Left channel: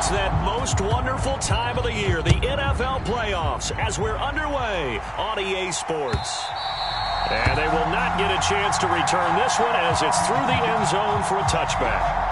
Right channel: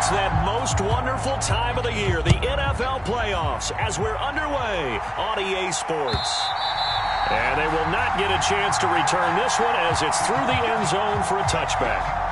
It's that most wonderful time of the year, the NFL playoffs, as we're underway on EA Sports. And they will not get a chance to return this one as it's through the end zone for a touchback.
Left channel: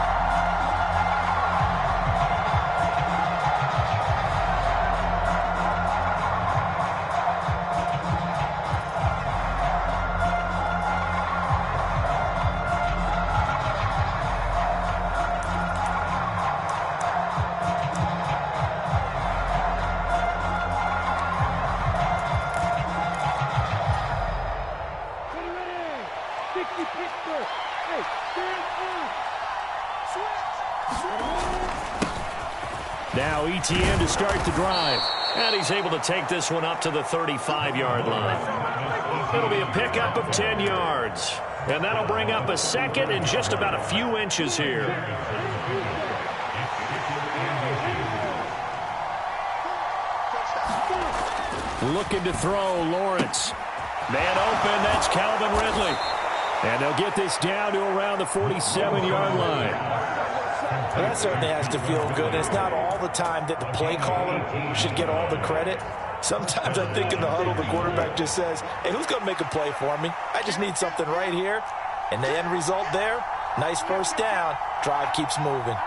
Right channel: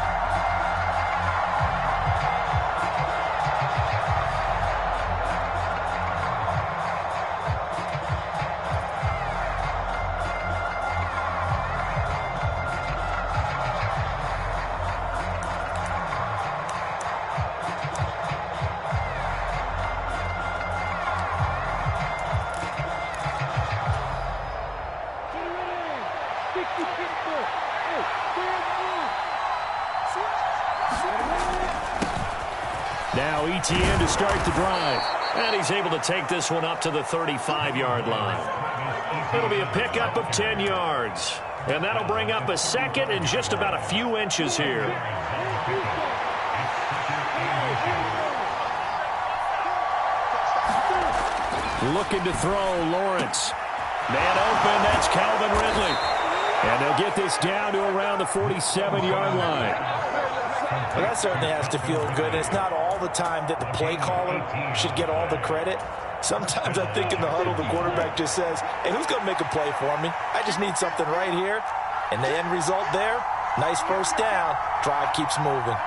Now ETN to start the drive. And he's able to take this one up to the 35-yard line. It'll be a pickup of 10 yards. And that'll bring up a second and just about a few inches here. Looking to throw, Lawrence. Man open, that's Calvin Ridley. And they'll get this down to around the 47-yard line. Well, that certainly has to feel good. It's not all the time that the play caller should get all the credit. Sometimes I think in the huddle, the quarterback just says, hey, who's going to make a play for me? I just need something right here. And the end result there, nice first down. Drive keeps moving.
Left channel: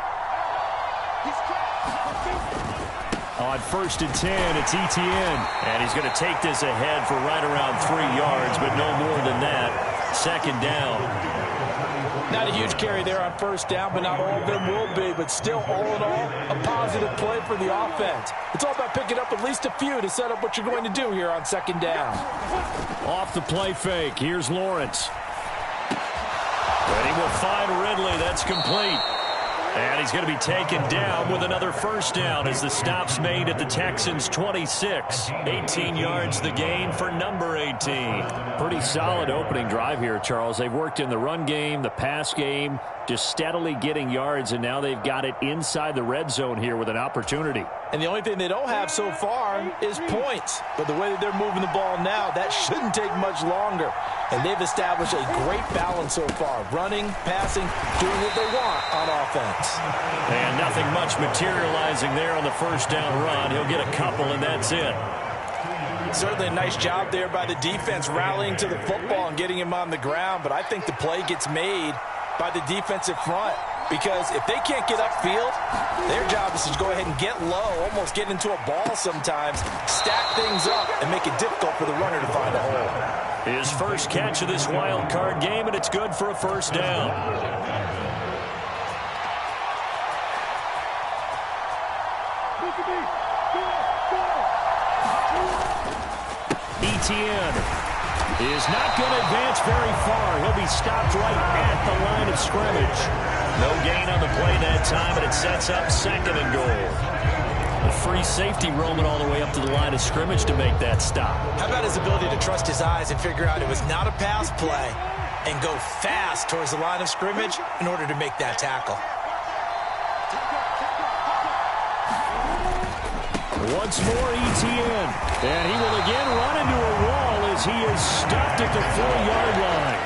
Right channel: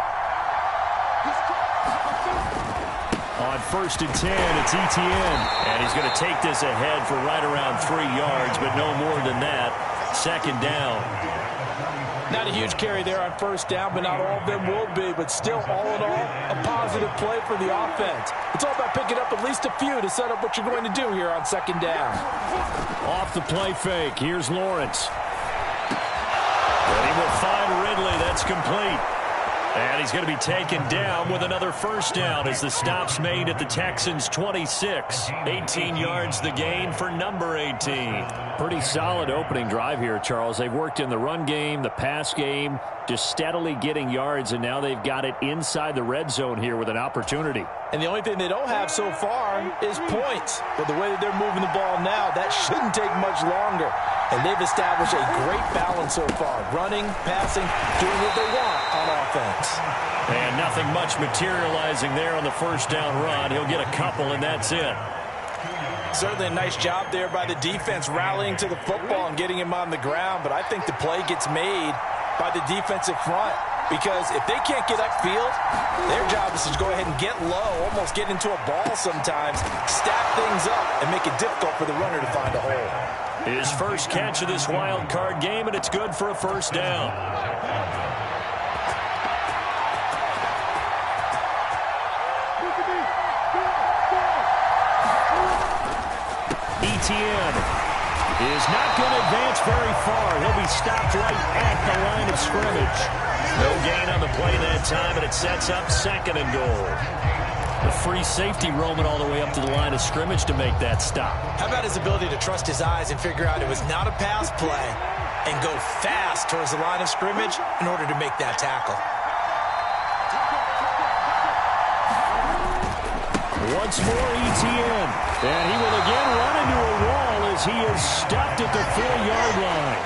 On 1st and 10, it's ETN. And he's going to take this ahead for right around 3 yards, but no more than that. Second down. Not a huge carry there on first down, but not all of them will be. But still, all in all, a positive play for the offense. It's all about picking up at least a few to set up what you're going to do here on second down. Off the play fake, here's Lawrence. And he will find Ridley. That's complete. And he's going to be taken down with another first down as the stop's made at the Texans' 26. 18 yards the gain for number 18. Pretty solid opening drive here, Charles. They've worked in the run game, the pass game, just steadily getting yards, and now they've got it inside the red zone here with an opportunity. And the only thing they don't have so far is points. But the way that they're moving the ball now, that shouldn't take much longer. And they've established a great balance so far. Running, passing, doing what they want on offense. And nothing much materializing there on the first down run. He'll get a couple, and that's it. Certainly a nice job there by the defense rallying to the football and getting him on the ground. But I think the play gets made by the defensive front. Because if they can't get upfield, their job is to go ahead and get low, almost get into a ball sometimes, stack things up, and make it difficult for the runner to find a hole. His first catch of this wild card game, and it's good for a first down. ETN is not going to advance very far. He'll be stopped right at the line of scrimmage. No gain on the play that time, and it sets up second and goal. The free safety roaming all the way up to the line of scrimmage to make that stop. How about his ability to trust his eyes and figure out it was not a pass play and go fast towards the line of scrimmage in order to make that tackle. Once more ETN, and he will again run into a wall as he is stopped at the 4-yard line.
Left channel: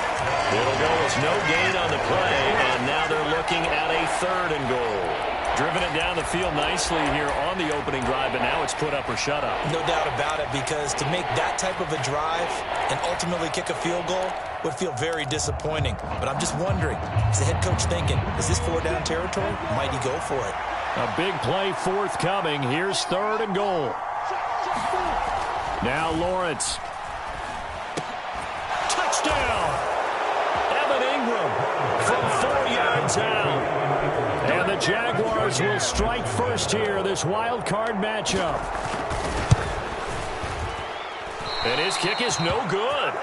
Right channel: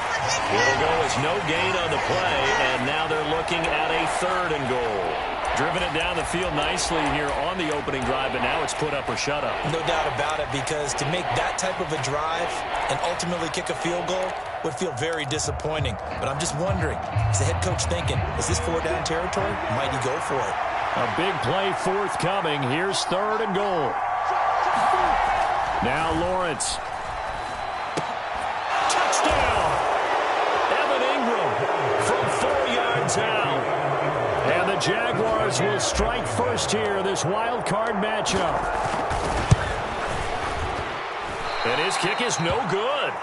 It'll go as no gain on the play, and now they're looking at a third and goal. Driven it down the field nicely here on the opening drive, but now it's put up or shut up. No doubt about it, because to make that type of a drive and ultimately kick a field goal would feel very disappointing. But I'm just wondering, is the head coach thinking, is this 4-down territory? Might he go for it? A big play forthcoming. Here's third and goal. Now Lawrence. Touchdown! Evan Ingram from 4 yards out. And the Jaguars will strike first here, this wild card matchup. And his kick is no good.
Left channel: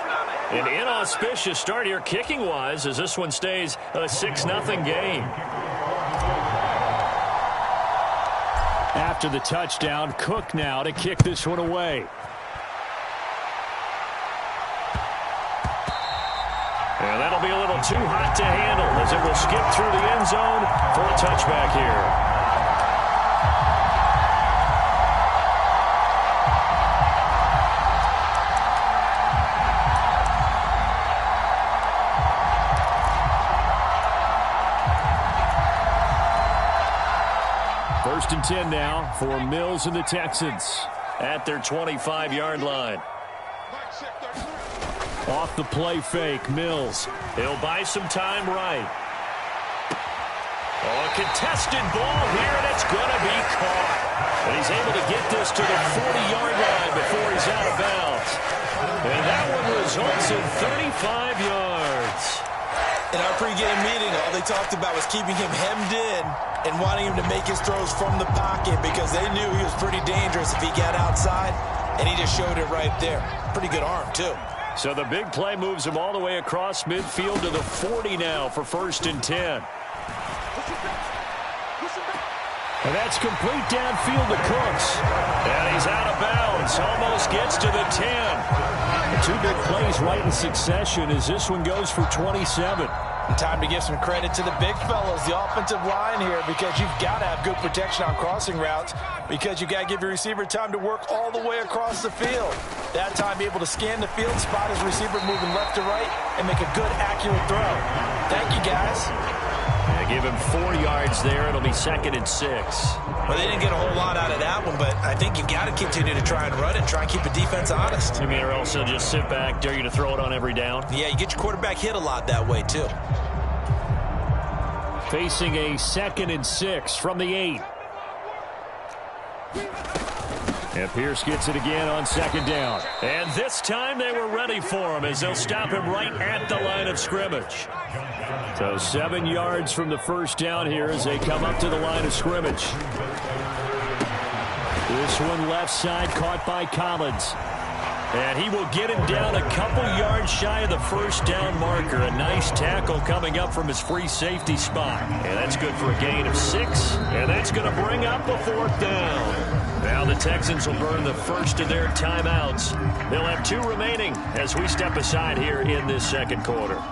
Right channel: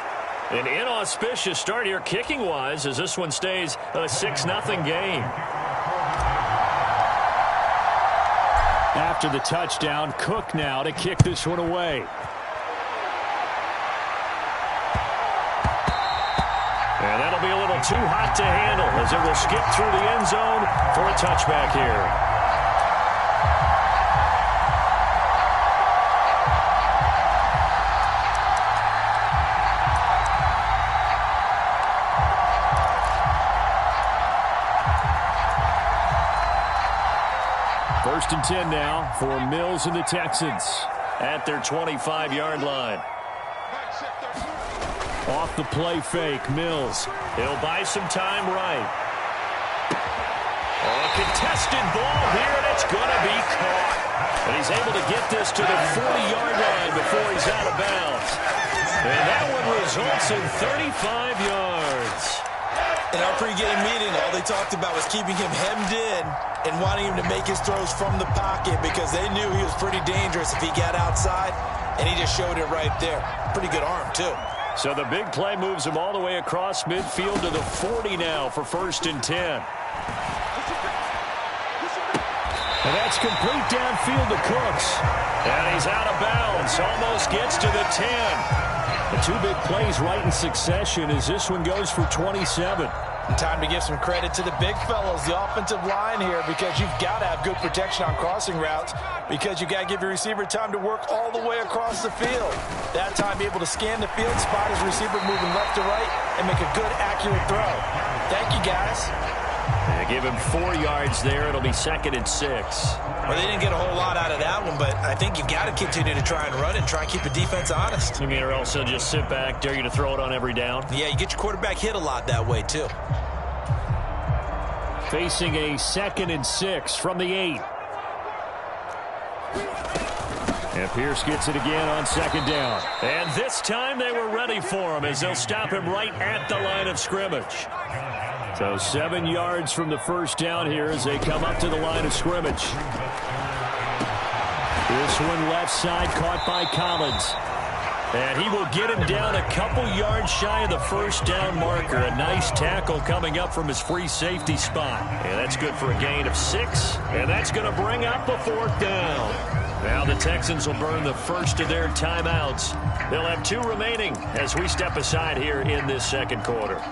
An inauspicious start here kicking-wise as this one stays a 6-0 game. After the touchdown, Cook now to kick this one away. And that'll be a little too hot to handle as it will skip through the end zone for a touchback here. First and 10 now for Mills and the Texans. At their 25-yard line. Off the play fake, Mills. He'll buy some time right. Oh, a contested ball here, and it's going to be caught. And he's able to get this to the 40-yard line before he's out of bounds. And that one results in 35 yards. In our pregame meeting, all they talked about was keeping him hemmed in and wanting him to make his throws from the pocket because they knew he was pretty dangerous if he got outside, and he just showed it right there. Pretty good arm, too. So the big play moves him all the way across midfield to the 40 now for first and 10. And that's complete downfield to Cooks. And he's out of bounds. Almost gets to the 10. The two big plays right in succession as this one goes for 27. And time to give some credit to the big fellas, the offensive line here, because you've got to have good protection on crossing routes because you've got to give your receiver time to work all the way across the field. That time, be able to scan the field, spot his receiver moving left to right, and make a good, accurate throw. Thank you, guys. They give him 4 yards there. It'll be second and 6. Well, they didn't get a whole lot out of that one, but I think you've got to continue to try and run and try and keep the defense honest. You mean or else he'll just sit back, dare you to throw it on every down? Yeah, you get your quarterback hit a lot that way, too. Facing a second and 6 from the 8. And Pierce gets it again on second down. And this time they were ready for him as they'll stop him right at the line of scrimmage. So 7 yards from the first down here as they come up to the line of scrimmage. This one left side caught by Collins. And he will get him down a couple yards shy of the first down marker. A nice tackle coming up from his free safety spot. And that's good for a gain of 6. And that's going to bring up a 4th down. Now the Texans will burn the first of their timeouts. They'll have 2 remaining as we step aside here in this second quarter.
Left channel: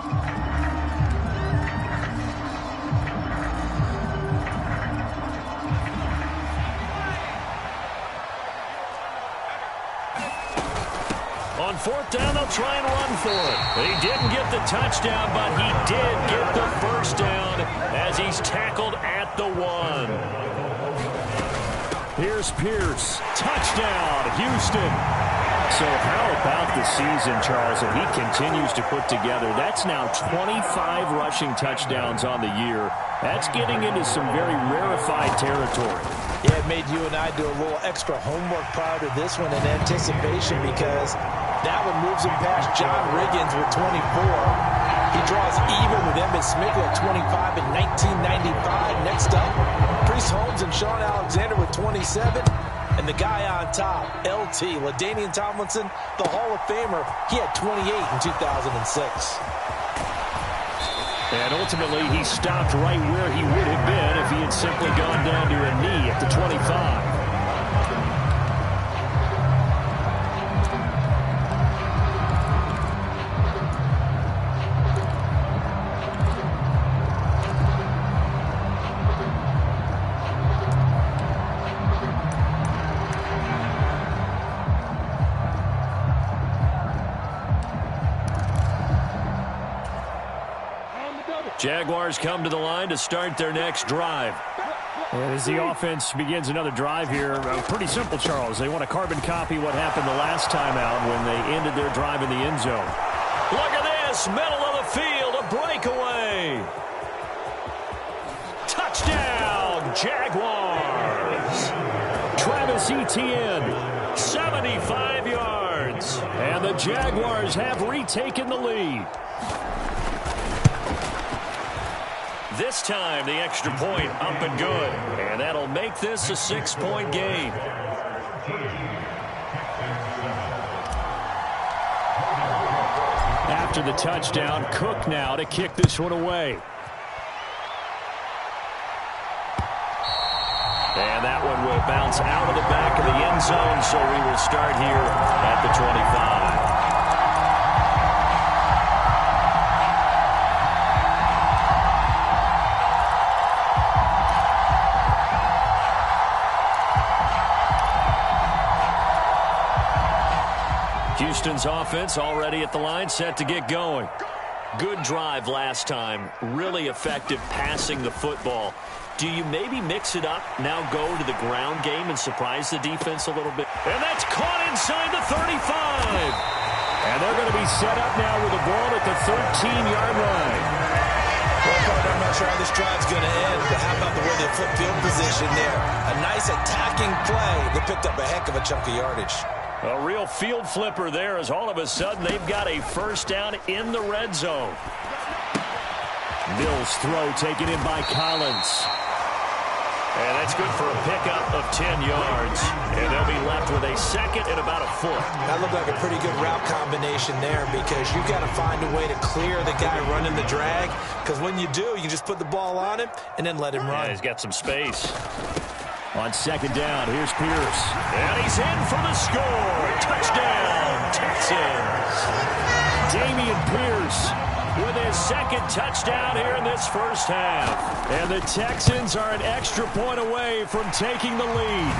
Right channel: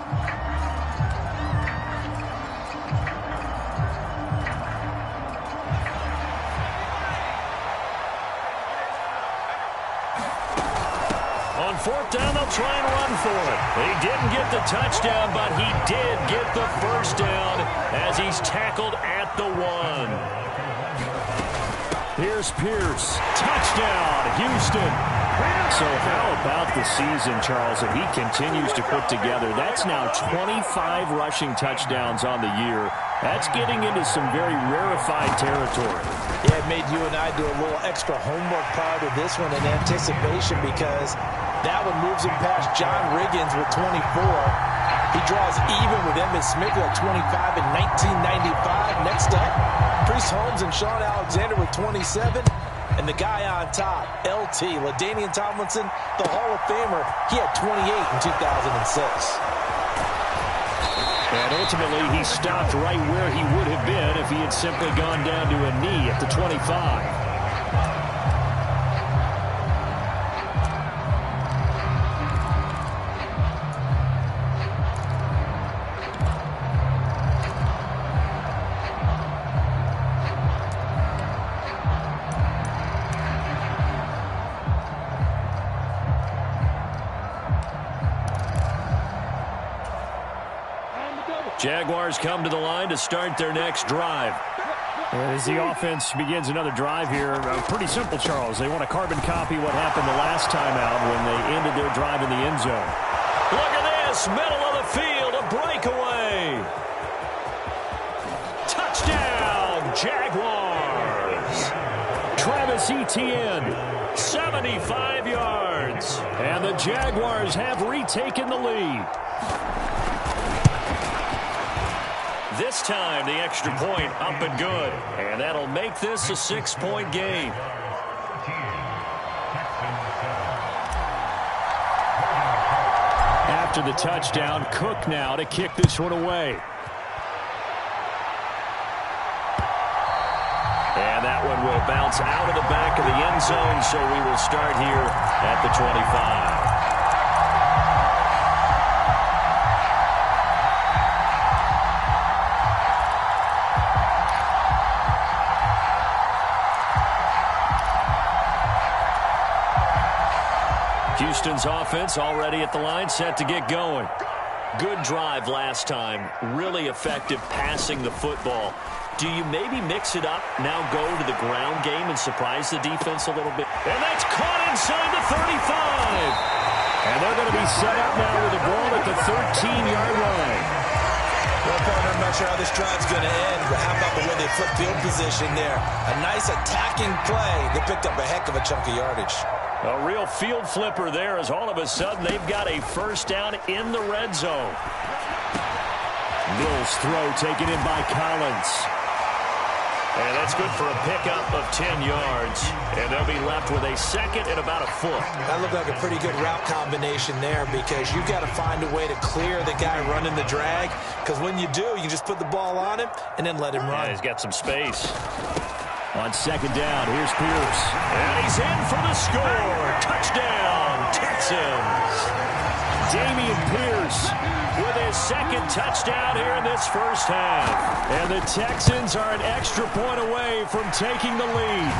On 4th down, they'll try and run for it. He didn't get the touchdown, but he did get the first down as he's tackled at the 1. Here's Pierce. Touchdown, Houston. So how about the season, Charles, that he continues to put together? That's now 25 rushing touchdowns on the year. That's getting into some very rarefied territory. Yeah, it made you and I do a little extra homework prior to this one in anticipation because that one moves him past John Riggins with 24. He draws even with Emmitt Smith at 25 in 1995. Next up, Priest Holmes and Sean Alexander with 27. And the guy on top, LT, LaDainian Tomlinson, the Hall of Famer, he had 28 in 2006. And ultimately, he stopped right where he would have been if he had simply gone down to a knee at the 25. Jaguars come to the line to start their next drive. And as the offense begins another drive here, pretty simple, Charles. They want to carbon copy what happened the last time out when they ended their drive in the end zone. Look at this, middle of the field, a breakaway. Touchdown, Jaguars. Travis Etienne, 75 yards. And the Jaguars have retaken the lead. This time, the extra point up and good. And that'll make this a 6-point game. After the touchdown, Cook now to kick this one away. And that one will bounce out of the back of the end zone, so we will start here at the 25. Houston's offense already at the line, set to get going. Good drive last time. Really effective passing the football. Do you maybe mix it up, now go to the ground game and surprise the defense a little bit? And that's caught inside the 35. And they're going to be set up now with the ball at the 13-yard line. Well, partner, I'm not sure how this drive's going to end, but how about the way they flip field position there? A nice attacking play. They picked up a heck of a chunk of yardage. A real field flipper there as all of a sudden they've got a first down in the red zone. Mills' throw taken in by Collins. And that's good for a pickup of 10 yards. And they'll be left with a second and about a foot. That looked like a pretty good route combination there because you've got to find a way to clear the guy running the drag. Because when you do, you just put the ball on him and then let him run. Yeah, he's got some space. On second down, here's Pierce. And he's in for the score. Touchdown, Texans. Dameon Pierce with his second touchdown here in this first half. And the Texans are an extra point away from taking the lead.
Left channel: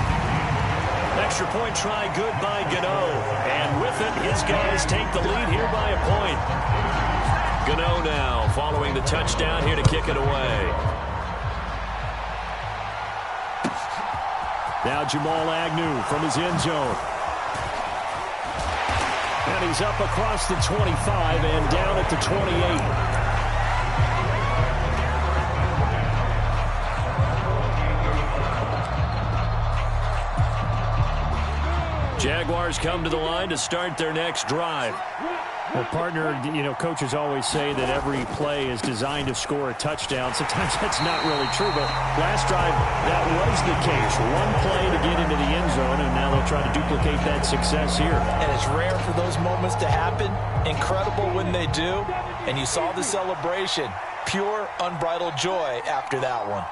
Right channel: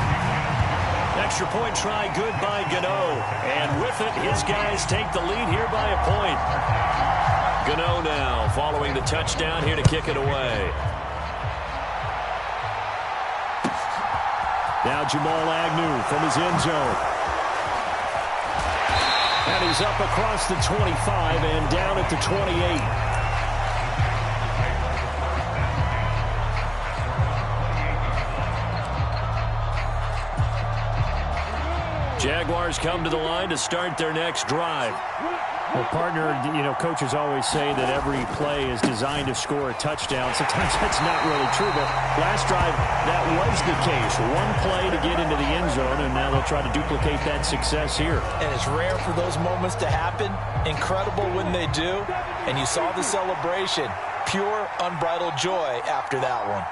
Extra point try good by Gano. And with it, his guys take the lead here by a point. Gano now following the touchdown here to kick it away. Now Jamal Agnew from his end zone. And he's up across the 25 and down at the 28. Jaguars come to the line to start their next drive. Well, partner, you know, coaches always say that every play is designed to score a touchdown. Sometimes that's not really true, but last drive, that was the case. One play to get into the end zone, and now they'll try to duplicate that success here. And it's rare for those moments to happen. Incredible when they do. And you saw the celebration. Pure, unbridled joy after that one.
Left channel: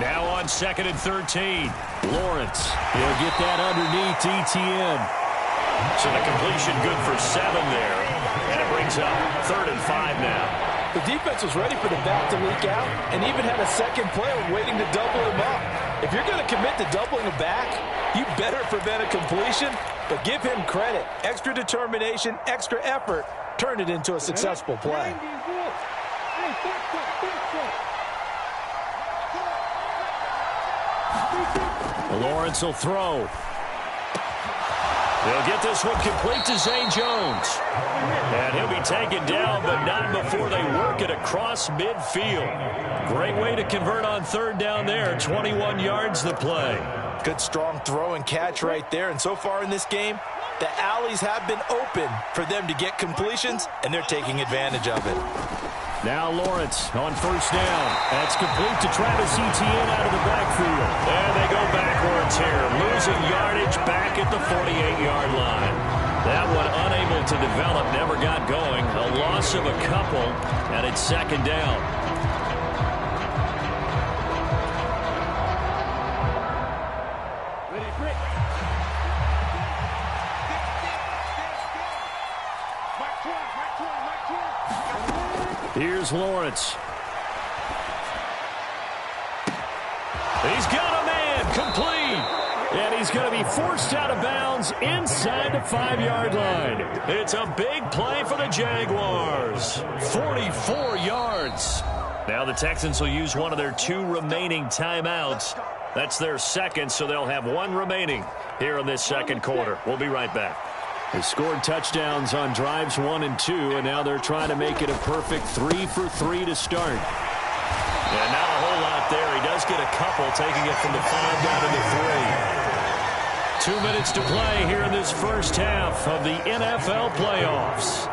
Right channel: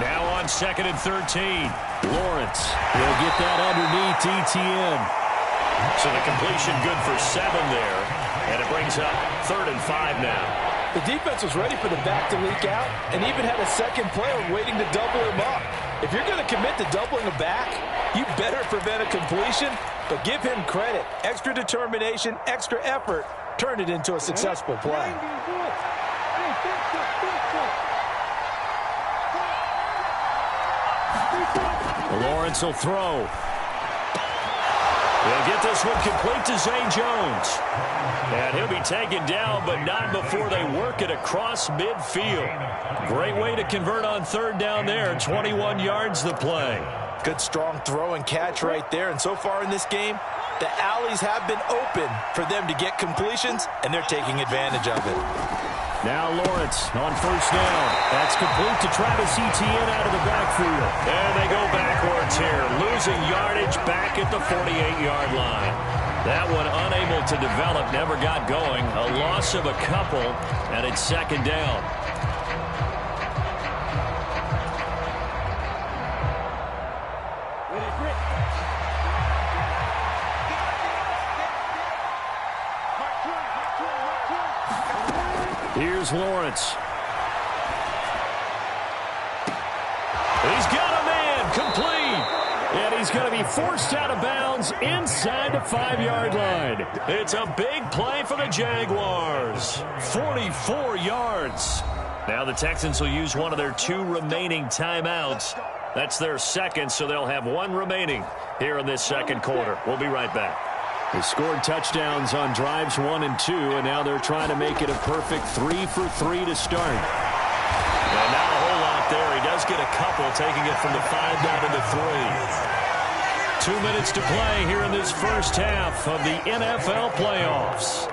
Now on second and 13. Lawrence, he'll get that underneath ETN. So the completion good for 7 there. And it brings up 3rd and 5 now. The defense was ready for the back to leak out and even had a second player waiting to double him up. If you're going to commit to doubling a back, you better prevent a completion, but give him credit. Extra determination, extra effort, turned it into a successful play. Lawrence will throw. He'll get this one complete to Zay Jones. And he'll be taken down, but not before they work it across midfield. Great way to convert on 3rd down there. 21 yards the play. Good strong throw and catch right there. And so far in this game, the alleys have been open for them to get completions, and they're taking advantage of it. Now Lawrence on 1st down. That's complete to Travis Etienne out of the backfield. And they go backwards here, losing yardage back at the 48-yard line. That one unable to develop, never got going. A loss of a couple, and it's 2nd down. Here's Lawrence. He's got a man, complete. And he's going to be forced out of bounds inside the 5-yard line. It's a big play for the Jaguars. 44 yards. Now the Texans will use one of their 2 remaining timeouts. That's their second, so they'll have 1 remaining here in this 2nd quarter. We'll be right back. They scored touchdowns on drives 1 and 2, and now they're trying to make it a perfect 3 for 3 to start. And not a whole lot there. He does get a couple, taking it from the 5 down to the 3. 2 minutes to play here in this first half of the NFL playoffs.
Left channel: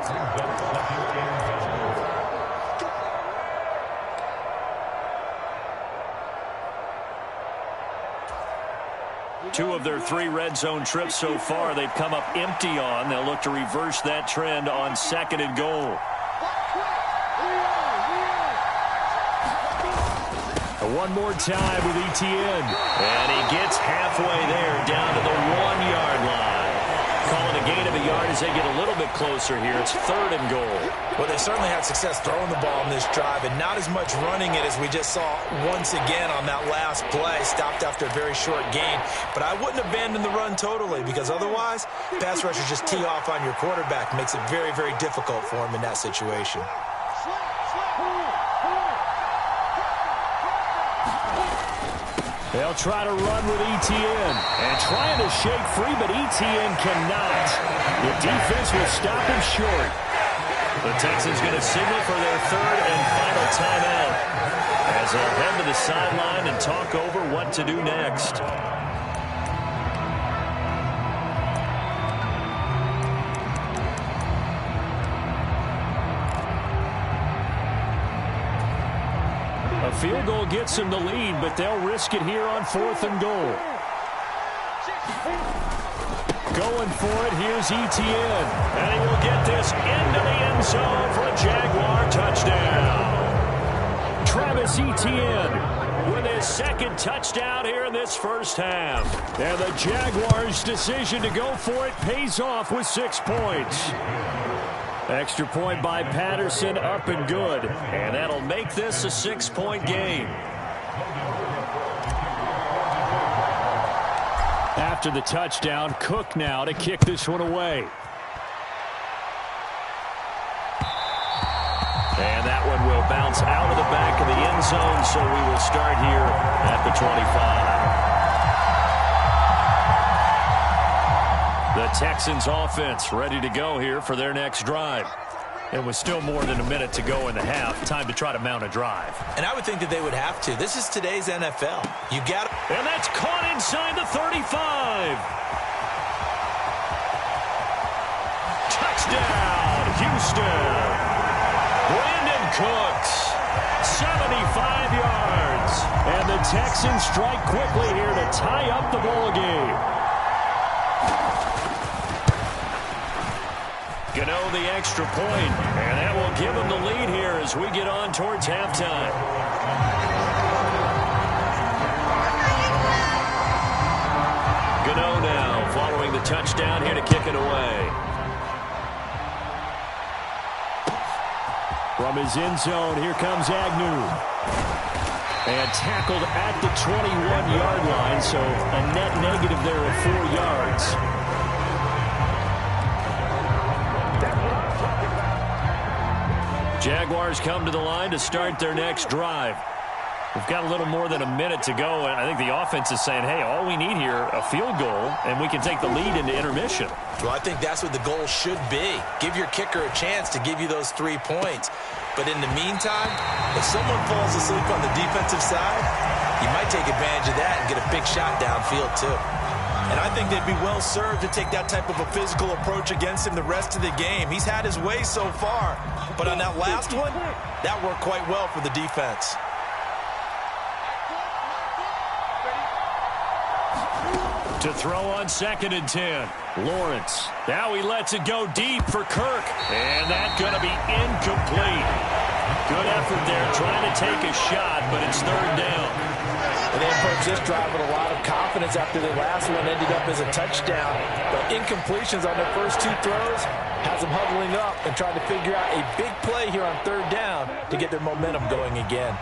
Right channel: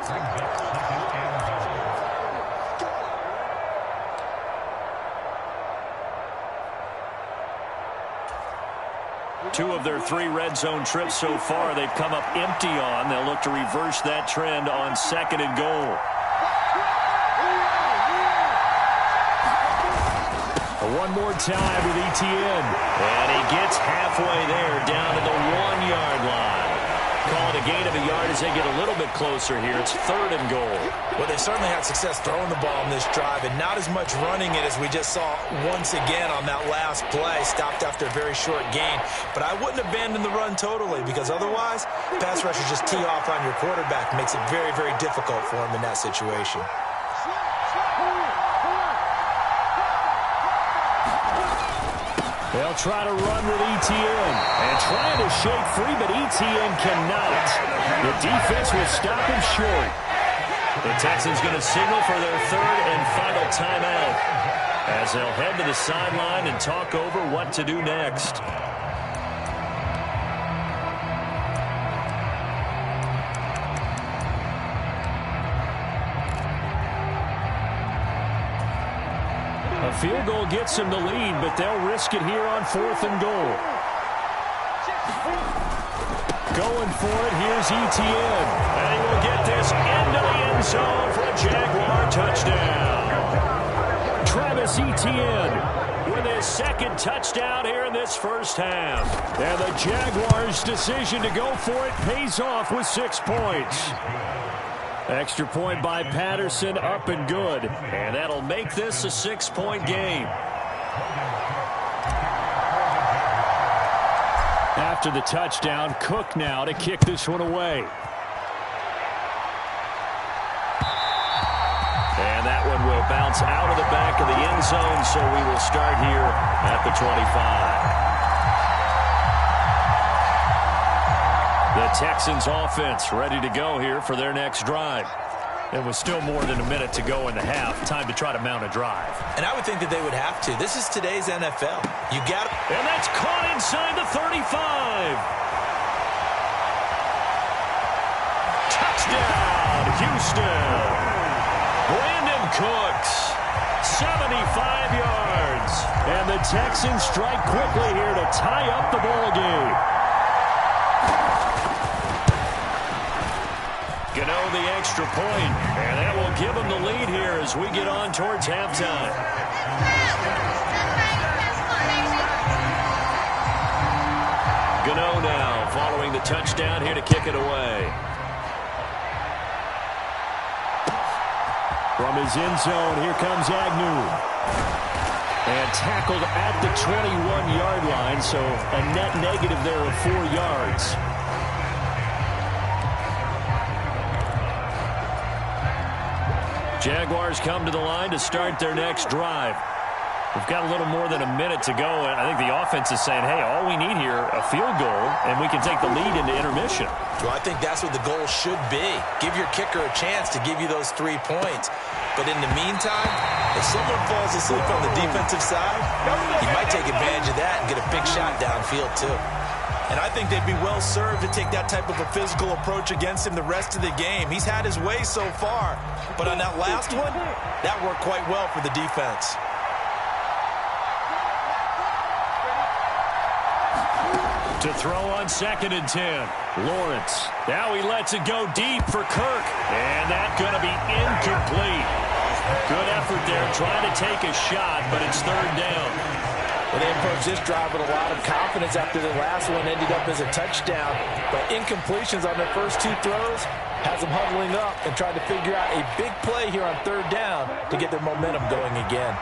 Two of their 3 red zone trips so far, they've come up empty on. They'll look to reverse that trend on 2nd and goal. One more time with Etienne. And he gets halfway there, down to the 1-yard line. Calling a gain of a yard as they get a little bit closer here. It's 3rd and goal. Well, they certainly had success throwing the ball in this drive, and not as much running it as we just saw once again on that last play. Stopped after a very short gain. But I wouldn't abandon the run totally, because otherwise, pass rushers just tee off on your quarterback. Makes it very, very difficult for him in that situation. They'll try to run with Etienne. And trying to shake free, but Etienne cannot. The defense will stop him short. The Texans going to signal for their 3rd and final timeout as they'll head to the sideline and talk over what to do next. A field goal gets them the lead, but they'll risk it here on 4th and goal. Going for it, here's Etienne. And he will get this into the end zone for a Jaguar touchdown. Travis Etienne with his 2nd touchdown here in this first half. And the Jaguars' decision to go for it pays off with 6 points. Extra point by Patterson, up and good. And that'll make this a 6-point game. After the touchdown, Cook now to kick this one away. And that one will bounce out of the back of the end zone, so we will start here at the 25. The Texans offense ready to go here for their next drive. It was still more than a minute to go in the half. Time to try to mount a drive. And I would think that they would have to. This is today's NFL. You got to. And that's caught inside the 35. Touchdown, Houston. Brandon Cooks, 75 yards. And the Texans strike quickly here to tie up the ball game. Gano the extra point, and that will give them the lead here as we get on towards halftime. Gano now following the touchdown here to kick it away. From his end zone, here comes Agnew. And tackled at the 21-yard line, so a net negative there of 4 yards. Jaguars come to the line to start their next drive. We've got a little more than a minute to go, and I think the offense is saying, hey, all we need here, a field goal, and we can take the lead into intermission. Well, I think that's what the goal should be. Give your kicker a chance to give you those 3 points. But in the meantime, if someone falls asleep on the defensive side, you might take advantage of that and get a big shot downfield too. And I think they'd be well served to take that type of a physical approach against him the rest of the game. He's had his way so far, but on that last one, that worked quite well for the defense. To throw on 2nd and 10. Lawrence. Now he lets it go deep for Kirk. And that's going to be incomplete. Good effort there trying to take a shot, but it's 3rd down. Well, they approached this drive with a lot of confidence after the last one ended up as a touchdown. But incompletions on their first 2 throws has them huddling up and trying to figure out a big play here on 3rd down to get their momentum going again.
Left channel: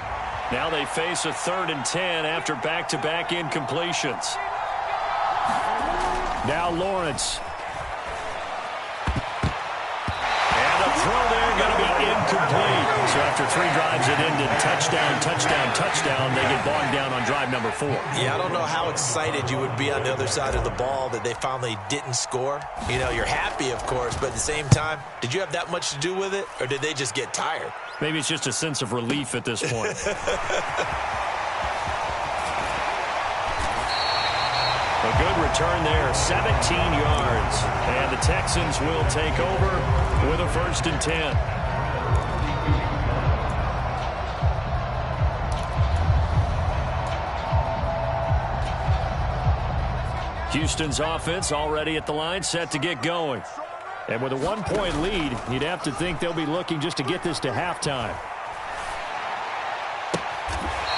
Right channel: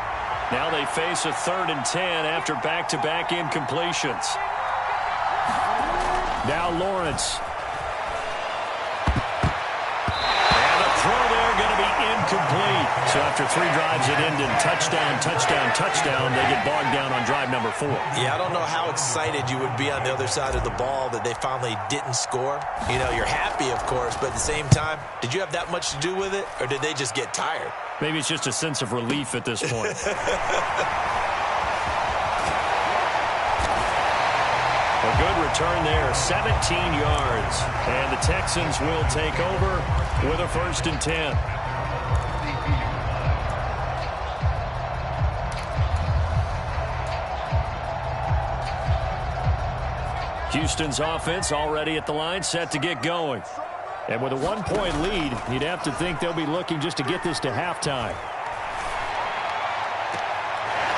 Now they face a 3rd and 10 after back-to-back incompletions. Now Lawrence. And the throw there going to be incomplete. So after 3 drives that ended touchdown, touchdown, touchdown, they get bogged down on drive number 4. Yeah, I don't know how excited you would be on the other side of the ball that they finally didn't score. You know, you're happy, of course, but at the same time, did you have that much to do with it, or did they just get tired? Maybe it's just a sense of relief at this point. A good return there, 17 yards. And the Texans will take over with a 1st and 10. Houston's offense already at the line, set to get going. And with a 1-point lead, you'd have to think they'll be looking just to get this to halftime.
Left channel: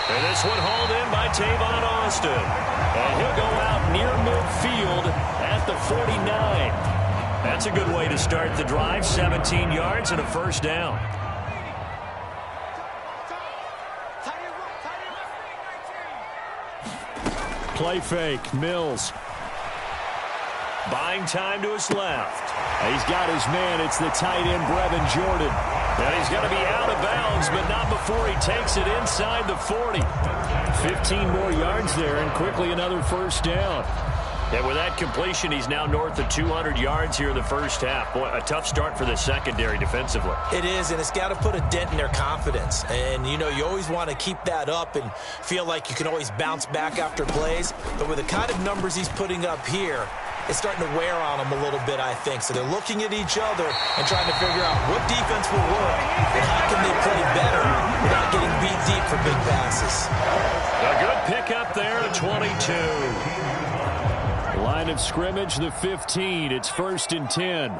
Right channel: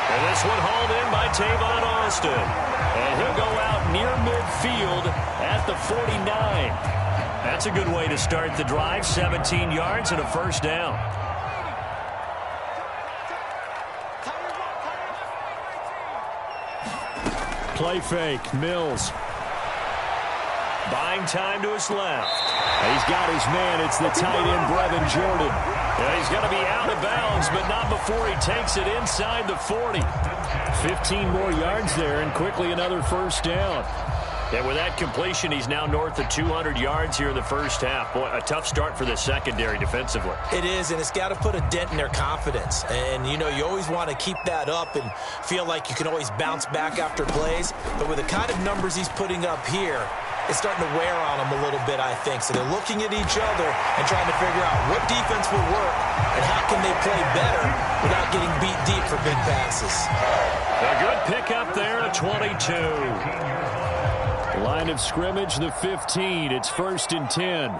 And this one hauled in by Tavon Austin. And he'll go out near midfield at the 49. That's a good way to start the drive. 17 yards and a first down. Play fake. Mills. Buying time to his left. He's got his man. It's the tight end, Brevin Jordan. And he's going to be out of bounds, but not before he takes it inside the 40. 15 more yards there, and quickly another first down. And with that completion, he's now north of 200 yards here in the first half. Boy, a tough start for the secondary defensively. It is, and it's got to put a dent in their confidence. And, you know, you always want to keep that up and feel like you can always bounce back after plays. But with the kind of numbers he's putting up here, it's starting to wear on them a little bit, I think. So they're looking at each other and trying to figure out what defense will work and how can they play better without getting beat deep for big passes. A good pickup there at 22. Line of scrimmage, the 15. It's 1st and 10.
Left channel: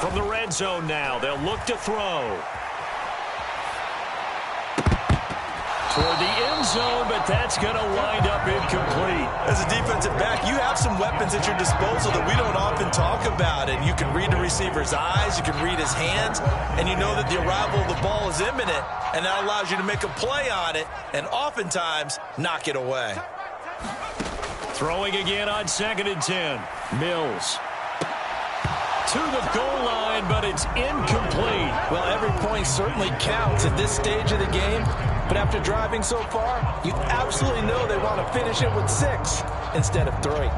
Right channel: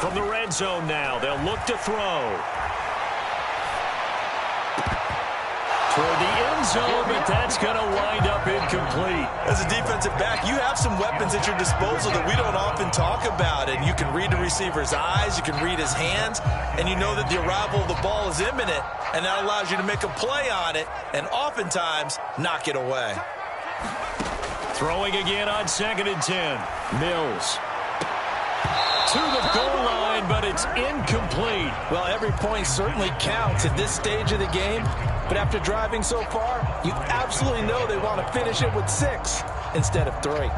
From the red zone now, they'll look to throw. Toward the end zone, but that's going to wind up incomplete. As a defensive back, you have some weapons at your disposal that we don't often talk about. And you can read the receiver's eyes, you can read his hands, and you know that the arrival of the ball is imminent, and that allows you to make a play on it and oftentimes knock it away. Throwing again on 2nd and 10. Mills. To the goal line, but it's incomplete. Well, every point certainly counts at this stage of the game. But after driving so far, you absolutely know they want to finish it with 6 instead of 3.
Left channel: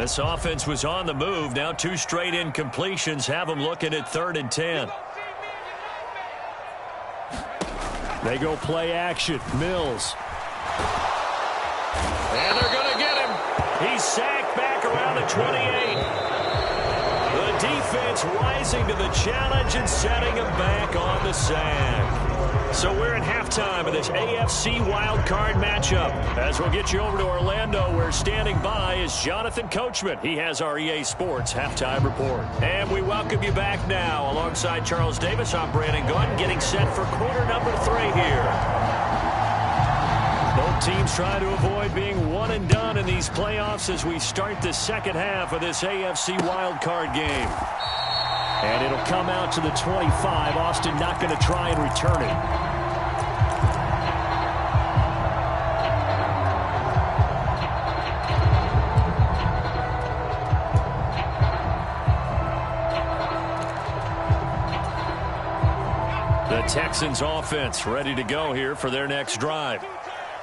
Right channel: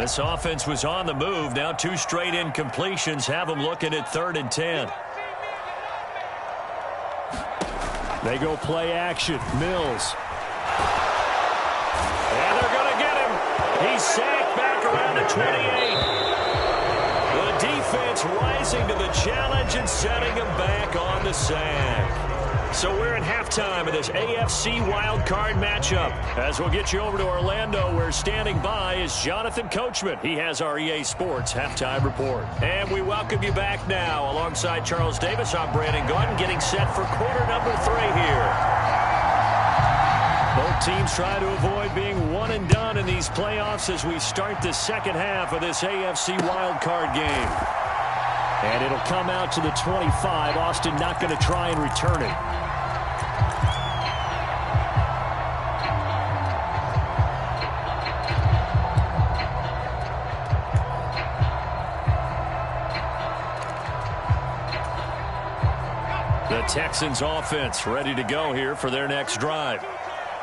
This offense was on the move. Now 2 straight incompletions have them looking at 3rd and 10. They go play action. Mills. And they're going to get him. He's sacked back around the 28. The defense rising to the challenge and setting him back on the sack. So we're at halftime of this AFC wildcard matchup. As we'll get you over to Orlando, where standing by is Jonathan Coachman. He has our EA Sports halftime report. And we welcome you back now. Alongside Charles Davis, I'm Brandon Gunn, getting set for quarter number 3 here. Both teams try to avoid being one and done in these playoffs as we start the second half of this AFC wildcard game. And it'll come out to the 25. Austin not going to try and return it. The Texans offense ready to go here for their next drive.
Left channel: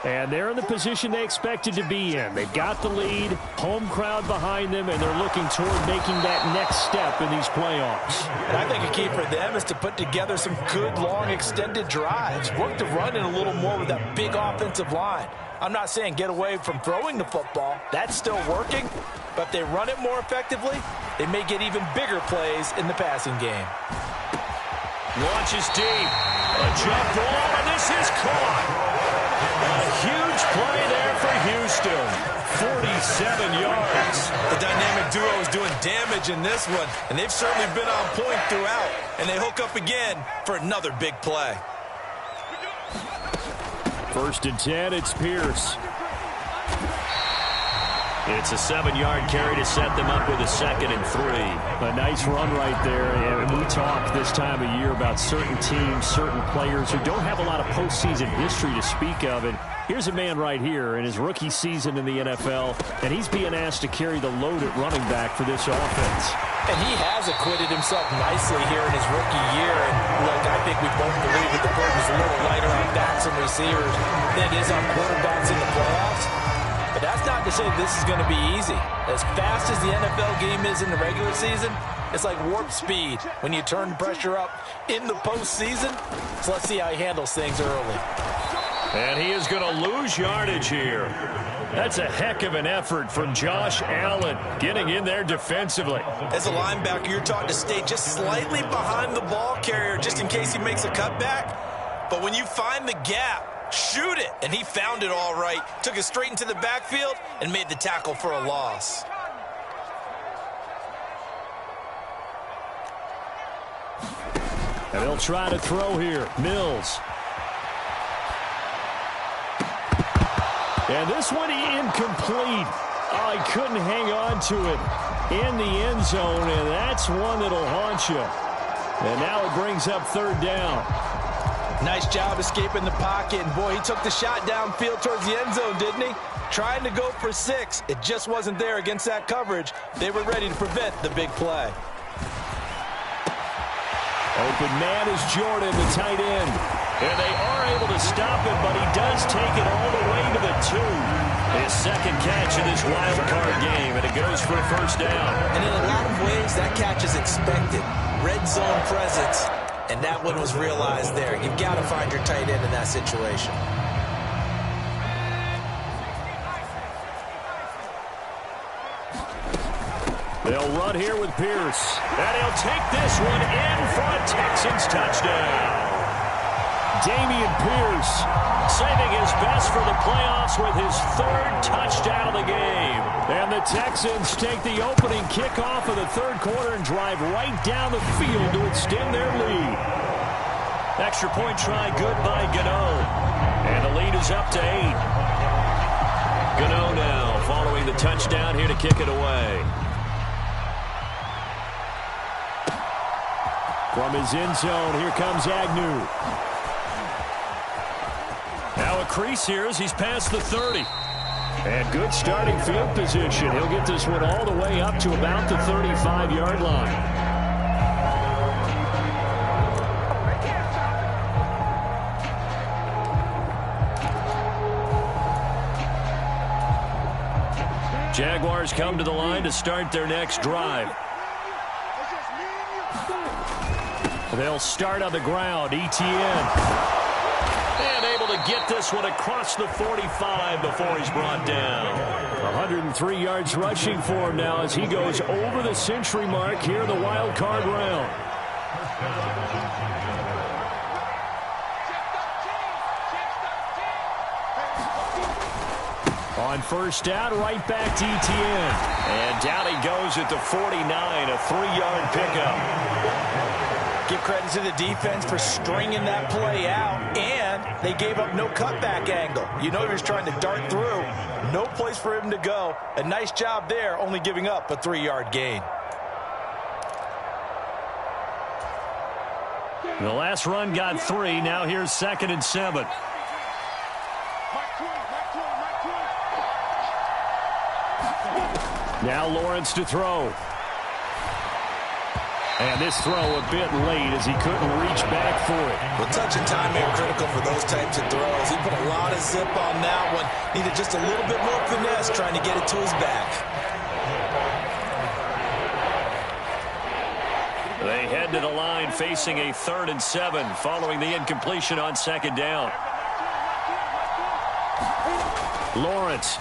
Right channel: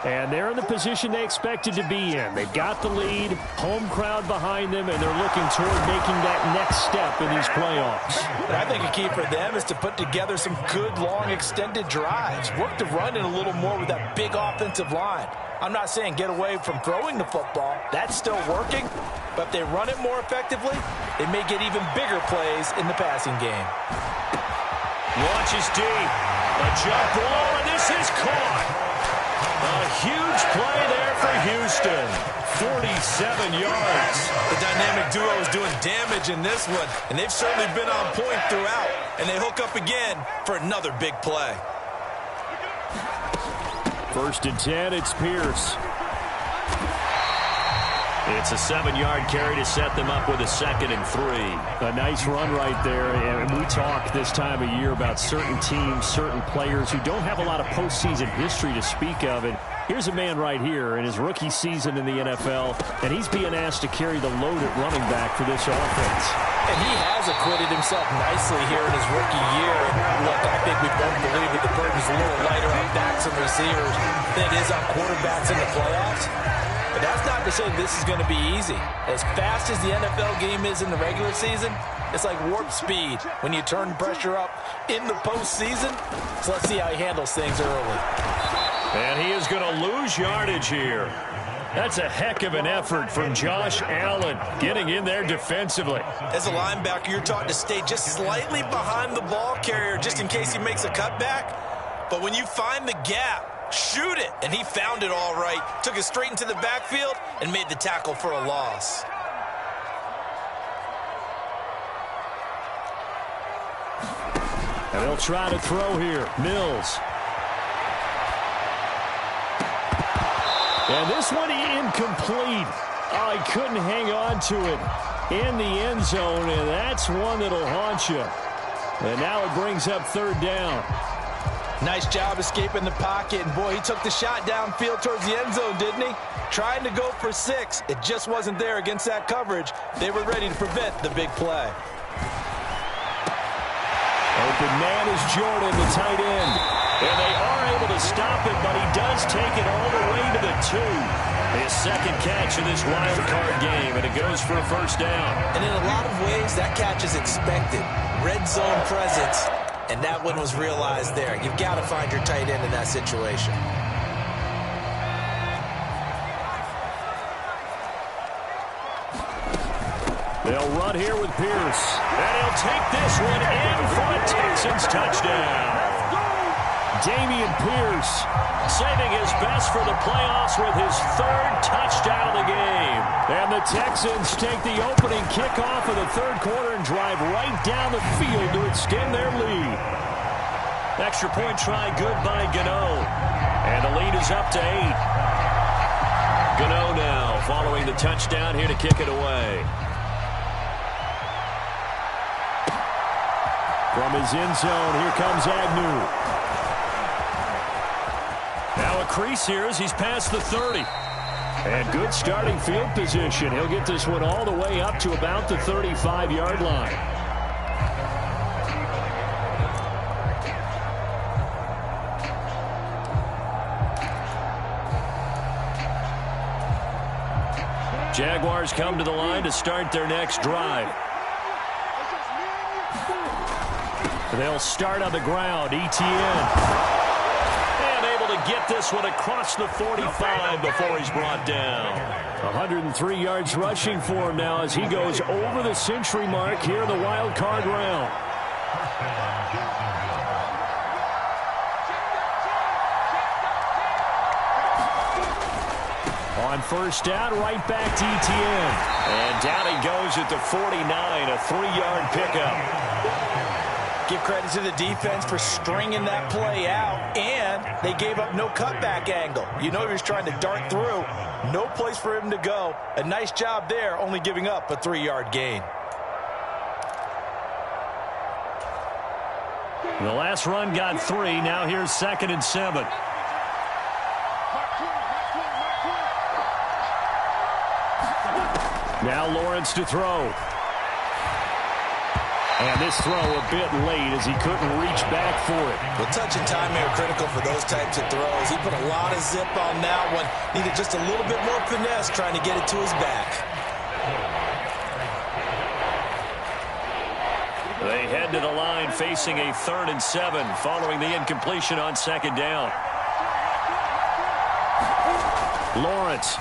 And they're in the position they expected to be in. They've got the lead, home crowd behind them, and they're looking toward making that next step in these playoffs. And I think a key for them is to put together some good, long, extended drives. Work the run in a little more with that big offensive line. I'm not saying get away from throwing the football. That's still working. But if they run it more effectively, they may get even bigger plays in the passing game. Launches deep. A jump ball, and this is caught. A huge play there for Houston. 47 yards. The dynamic duo is doing damage in this one, and they've certainly been on point throughout. And they hook up again for another big play. 1st and 10, it's Pierce. It's a 7-yard carry to set them up with a 2nd and 3. A nice run right there. And we talk this time of year about certain teams, certain players who don't have a lot of postseason history to speak of. And here's a man right here in his rookie season in the NFL, and he's being asked to carry the load at running back for this offense. And he has acquitted himself nicely here in his rookie year. And look, I think we both believe that the burden's a little lighter on backs and receivers than it is on quarterbacks in the playoffs. But that's not to say this is going to be easy. As fast as the NFL game is in the regular season, it's like warp speed when you turn the pressure up in the postseason. So let's see how he handles things early. And he is going to lose yardage here. That's a heck of an effort from Josh Allen getting in there defensively. As a linebacker, you're taught to stay just slightly behind the ball carrier just in case he makes a cutback. But when you find the gap, shoot it. And he found it all right. Took it straight into the backfield and made the tackle for a loss. And they'll try to throw here. Mills. And this one incomplete. Oh, he couldn't hang on to it in the end zone, and that's one that'll haunt you. And now it brings up third down. Nice job escaping the pocket, and boy, he took the shot downfield towards the end zone, didn't he? Trying to go for 6. It just wasn't there against that coverage. They were ready to prevent the big play. Open man is Jordan, the tight end. And they are able to stop it, but he does take it all the way to the 2. His second catch in this wild card game, and it goes for a first down. And in a lot of ways, that catch is expected. Red zone presence, and that one was realized there. You've got to find your tight end in that situation. They'll run here with Pierce. And he'll take this one in for a Texans touchdown. Dameon Pierce saving his best for the playoffs with his 3rd touchdown of the game. And the Texans take the opening kickoff of the 3rd quarter and drive right down the field to extend their lead. Extra point try good by Gano. And the lead is up to 8. Gano now following the touchdown here to kick it away. From his end zone, here comes Agnew. Now a crease here as he's past the 30. And good starting field position. He'll get this one all the way up to about the 35-yard line. Jaguars come to the line to start their next drive. They'll start on the ground. Etienne. And able to get this one across the 45 before he's brought down. 103 yards rushing for him now as he goes over the century mark here in the wild card round. On first down, right back to Etienne. And down he goes at the 49, a 3-yard pickup. Give credit to the defense for stringing that play out, and they gave up no cutback angle. You know he was trying to dart through. No place for him to go. A nice job there, only giving up a 3-yard gain. The last run got 3. Now here's 2nd and 7. Now Lawrence to throw. And this throw a bit late as he couldn't reach back for it. Well, touch and time are critical for those types of throws. He put a lot of zip on that one. Needed just a little bit more finesse trying to get it to his back. They head to the line facing a 3rd and 7 following the incompletion on 2nd down. Lawrence.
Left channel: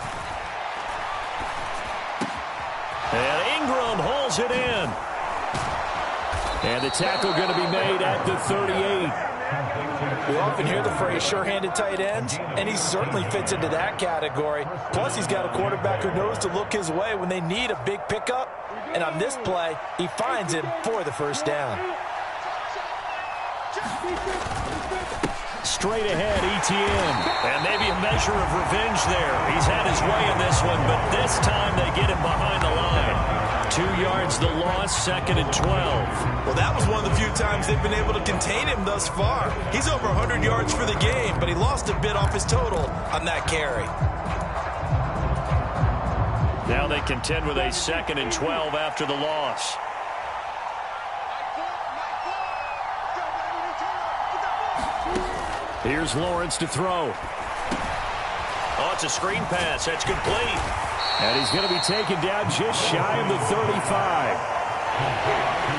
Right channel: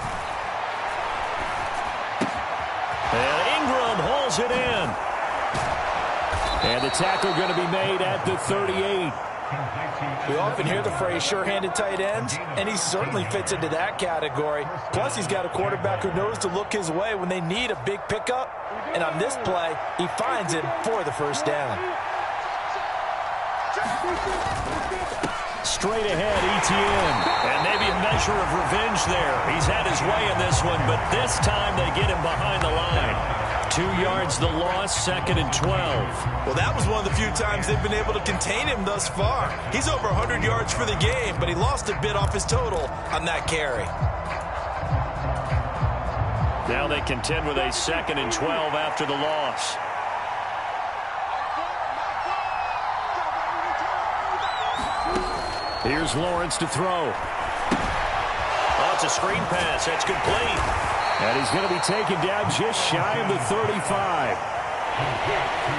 And Ingram hauls it in. And the tackle going to be made at the 38. We often hear the phrase sure-handed tight ends, and he certainly fits into that category. Plus, he's got a quarterback who knows to look his way when they need a big pickup. And on this play, he finds him for the first down. Straight ahead, Etienne. And maybe a measure of revenge there. He's had his way in this one, but this time they get him behind the line. 2 yards the loss, 2nd and 12. Well, that was one of the few times they've been able to contain him thus far. He's over 100 yards for the game, but he lost a bit off his total on that carry. Now they contend with a 2nd and 12 after the loss. Here's Lawrence to throw. Oh, it's a screen pass. That's complete. And he's going to be taken down just shy of the 35.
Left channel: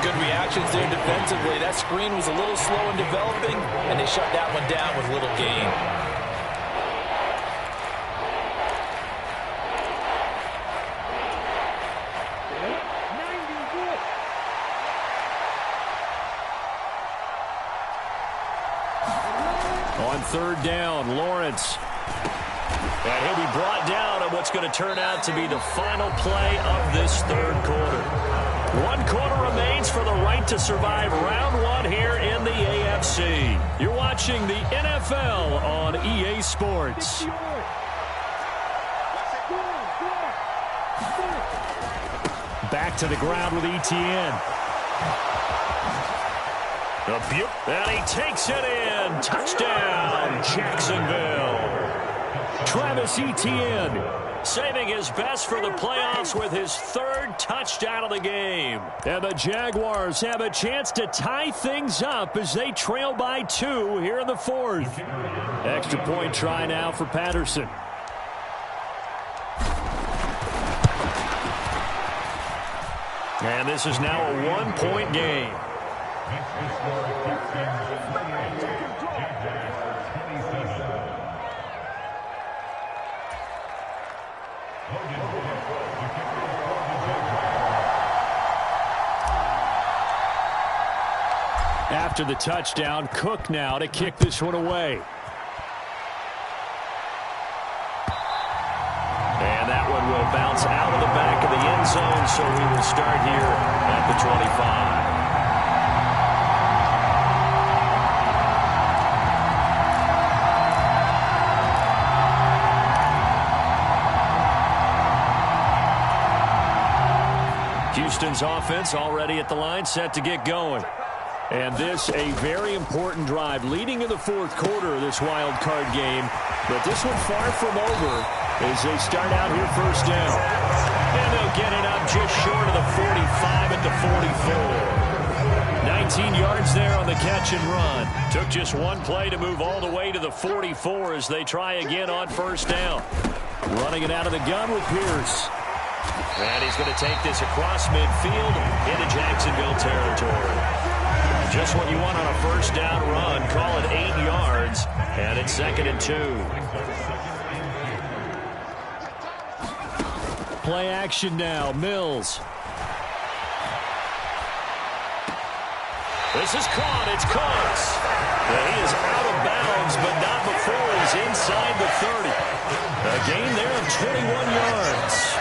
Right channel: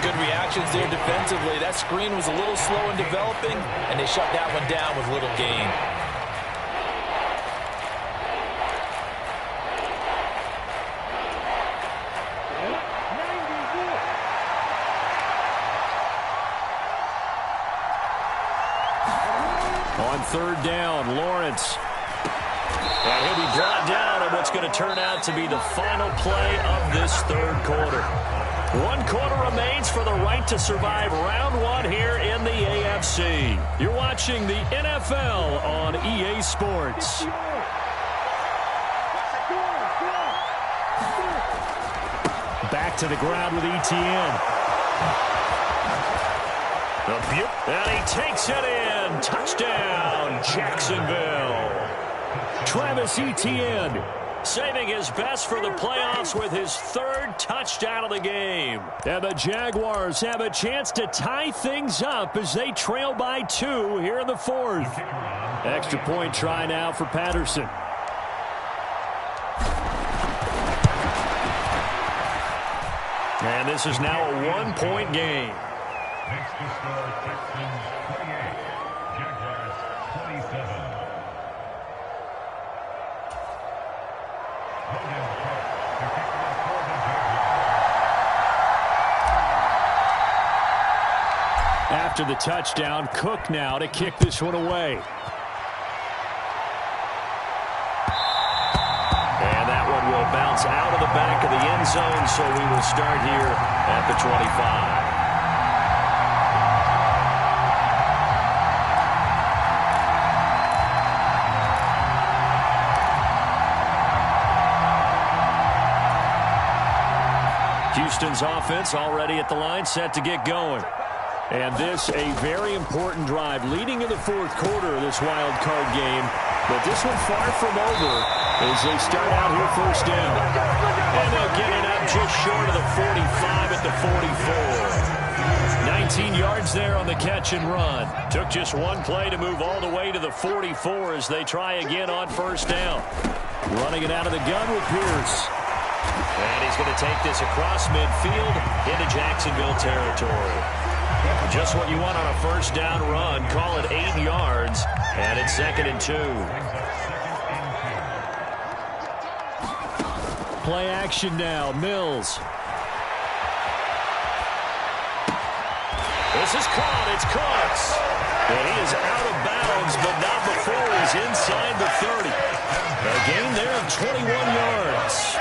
Good reactions there defensively. That screen was a little slow in developing, and they shut that one down with little gain. On 3rd down, Lawrence. And he'll be brought down on what's going to turn out to be the final play of this 3rd quarter. 1 quarter remains for the right to survive round 1 here in the AFC. You're watching the NFL on EA Sports. Back to the ground with Etienne. And he takes it in. Touchdown, Jacksonville. Travis Etienne saving his best for the playoffs with his 3rd touchdown of the game. And the Jaguars have a chance to tie things up as they trail by 2 here in the 4th. Extra point try now for Patterson. And this is now a 1-point game. After the touchdown, Cook now to kick this one away. And that one will bounce out of the back of the end zone, so we will start here at the 25. Houston's offense already at the line, set to get going. And this a very important drive leading in the 4th quarter of this wild card game. But this one far from over as they start out here 1st down. And they'll get it up just short of the 45 at the 44. 19 yards there on the catch and run. Took just 1 play to move all the way to the 44 as they try again on 1st down. Running it out of the gun with Pierce. And he's going to take this across midfield into Jacksonville territory. Just what you want on a 1st down run. Call it 8 yards, and it's 2nd and 2. Play action now. Mills. This is caught. It's Cooks. And he is out of bounds, but not before he's inside the 30. A gain there of 21 yards.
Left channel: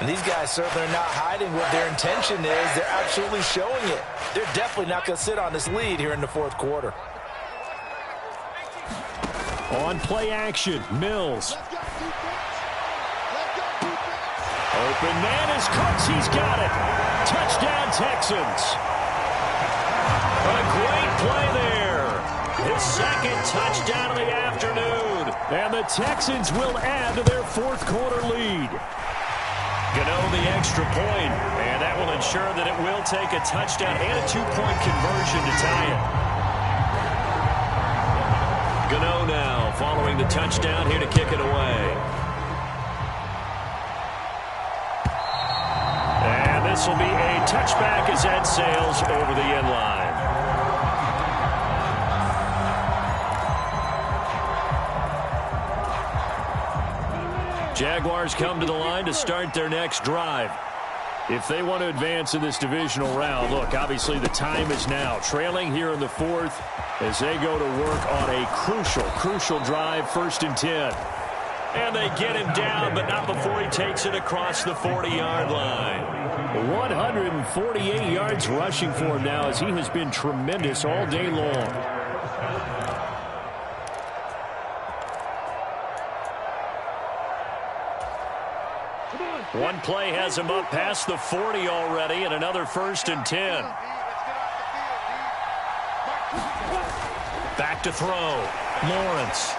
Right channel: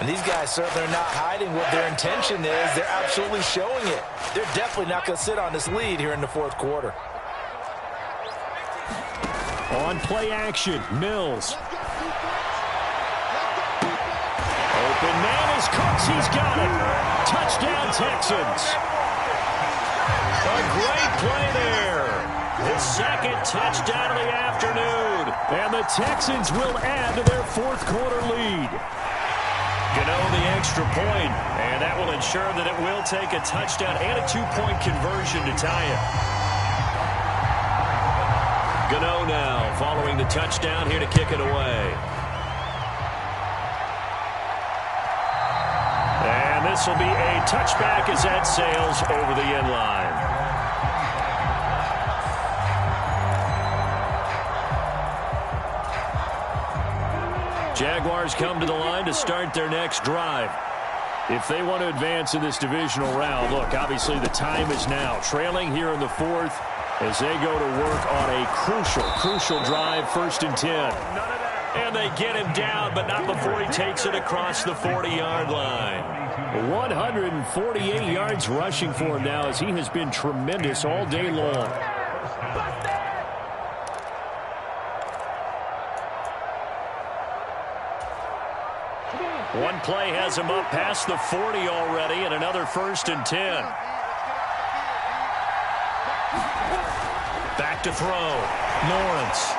And these guys certainly are not hiding what their intention is. They're absolutely showing it. They're definitely not going to sit on this lead here in the 4th quarter. On play action, Mills. Open man is Cooks. He's got it. Touchdown, Texans. A great play there. His 2nd touchdown of the afternoon. And the Texans will add to their 4th quarter lead. Gano the extra point, and that will ensure that it will take a touchdown and a 2-point conversion to tie it. Gano now following the touchdown here to kick it away. And this will be a touchback as that sails over the end line. Jaguars come to the line to start their next drive. If they want to advance in this divisional round, look, obviously the time is now. Trailing here in the 4th as they go to work on a crucial drive, 1st and 10. And they get him down, but not before he takes it across the 40-yard line. 148 yards rushing for him now as he has been tremendous all day long. One play has him up past the 40 already, and another 1st and 10. Back to throw. Lawrence.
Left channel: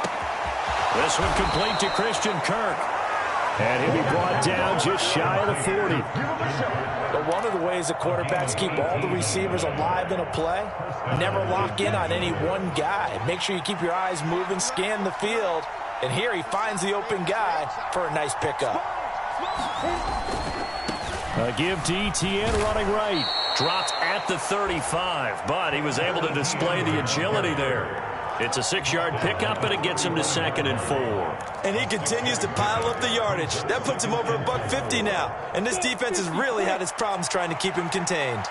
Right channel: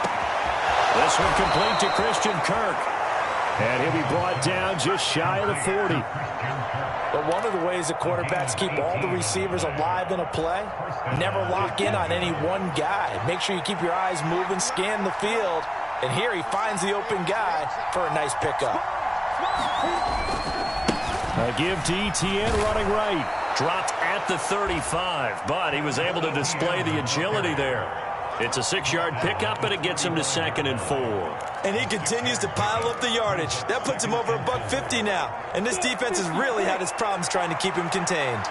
This one complete to Christian Kirk. And he'll be brought down just shy of the 40. But one of the ways the quarterbacks keep all the receivers alive in a play, never lock in on any one guy. Make sure you keep your eyes moving, scan the field. And here he finds the open guy for a nice pickup. A give to Etienne running right. Dropped at the 35, but he was able to display the agility there. It's a 6-yard pickup, and it gets him to 2nd and 4. And he continues to pile up the yardage. That puts him over $150 now. And this defense has really had its problems trying to keep him contained.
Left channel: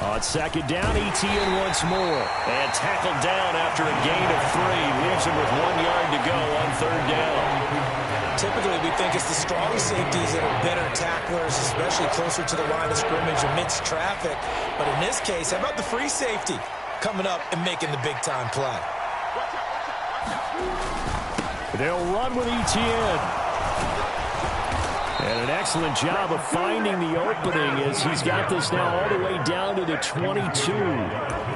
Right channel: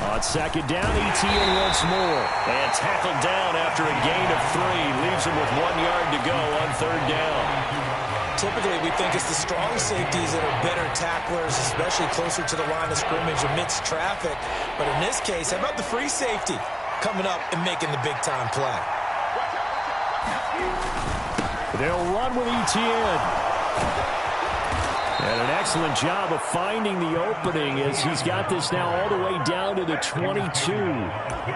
On 2nd down, Etienne once more. And tackled down after a gain of 3. Leaves him with 1 yard to go on 3rd down. typically we think it's the strong safeties that are better tacklers, especially closer to the line of scrimmage amidst traffic. But in this case, how about the free safety coming up and making the big-time play? They'll run with Etienne. And an excellent job of finding the opening as he's got this now all the way down to the 22.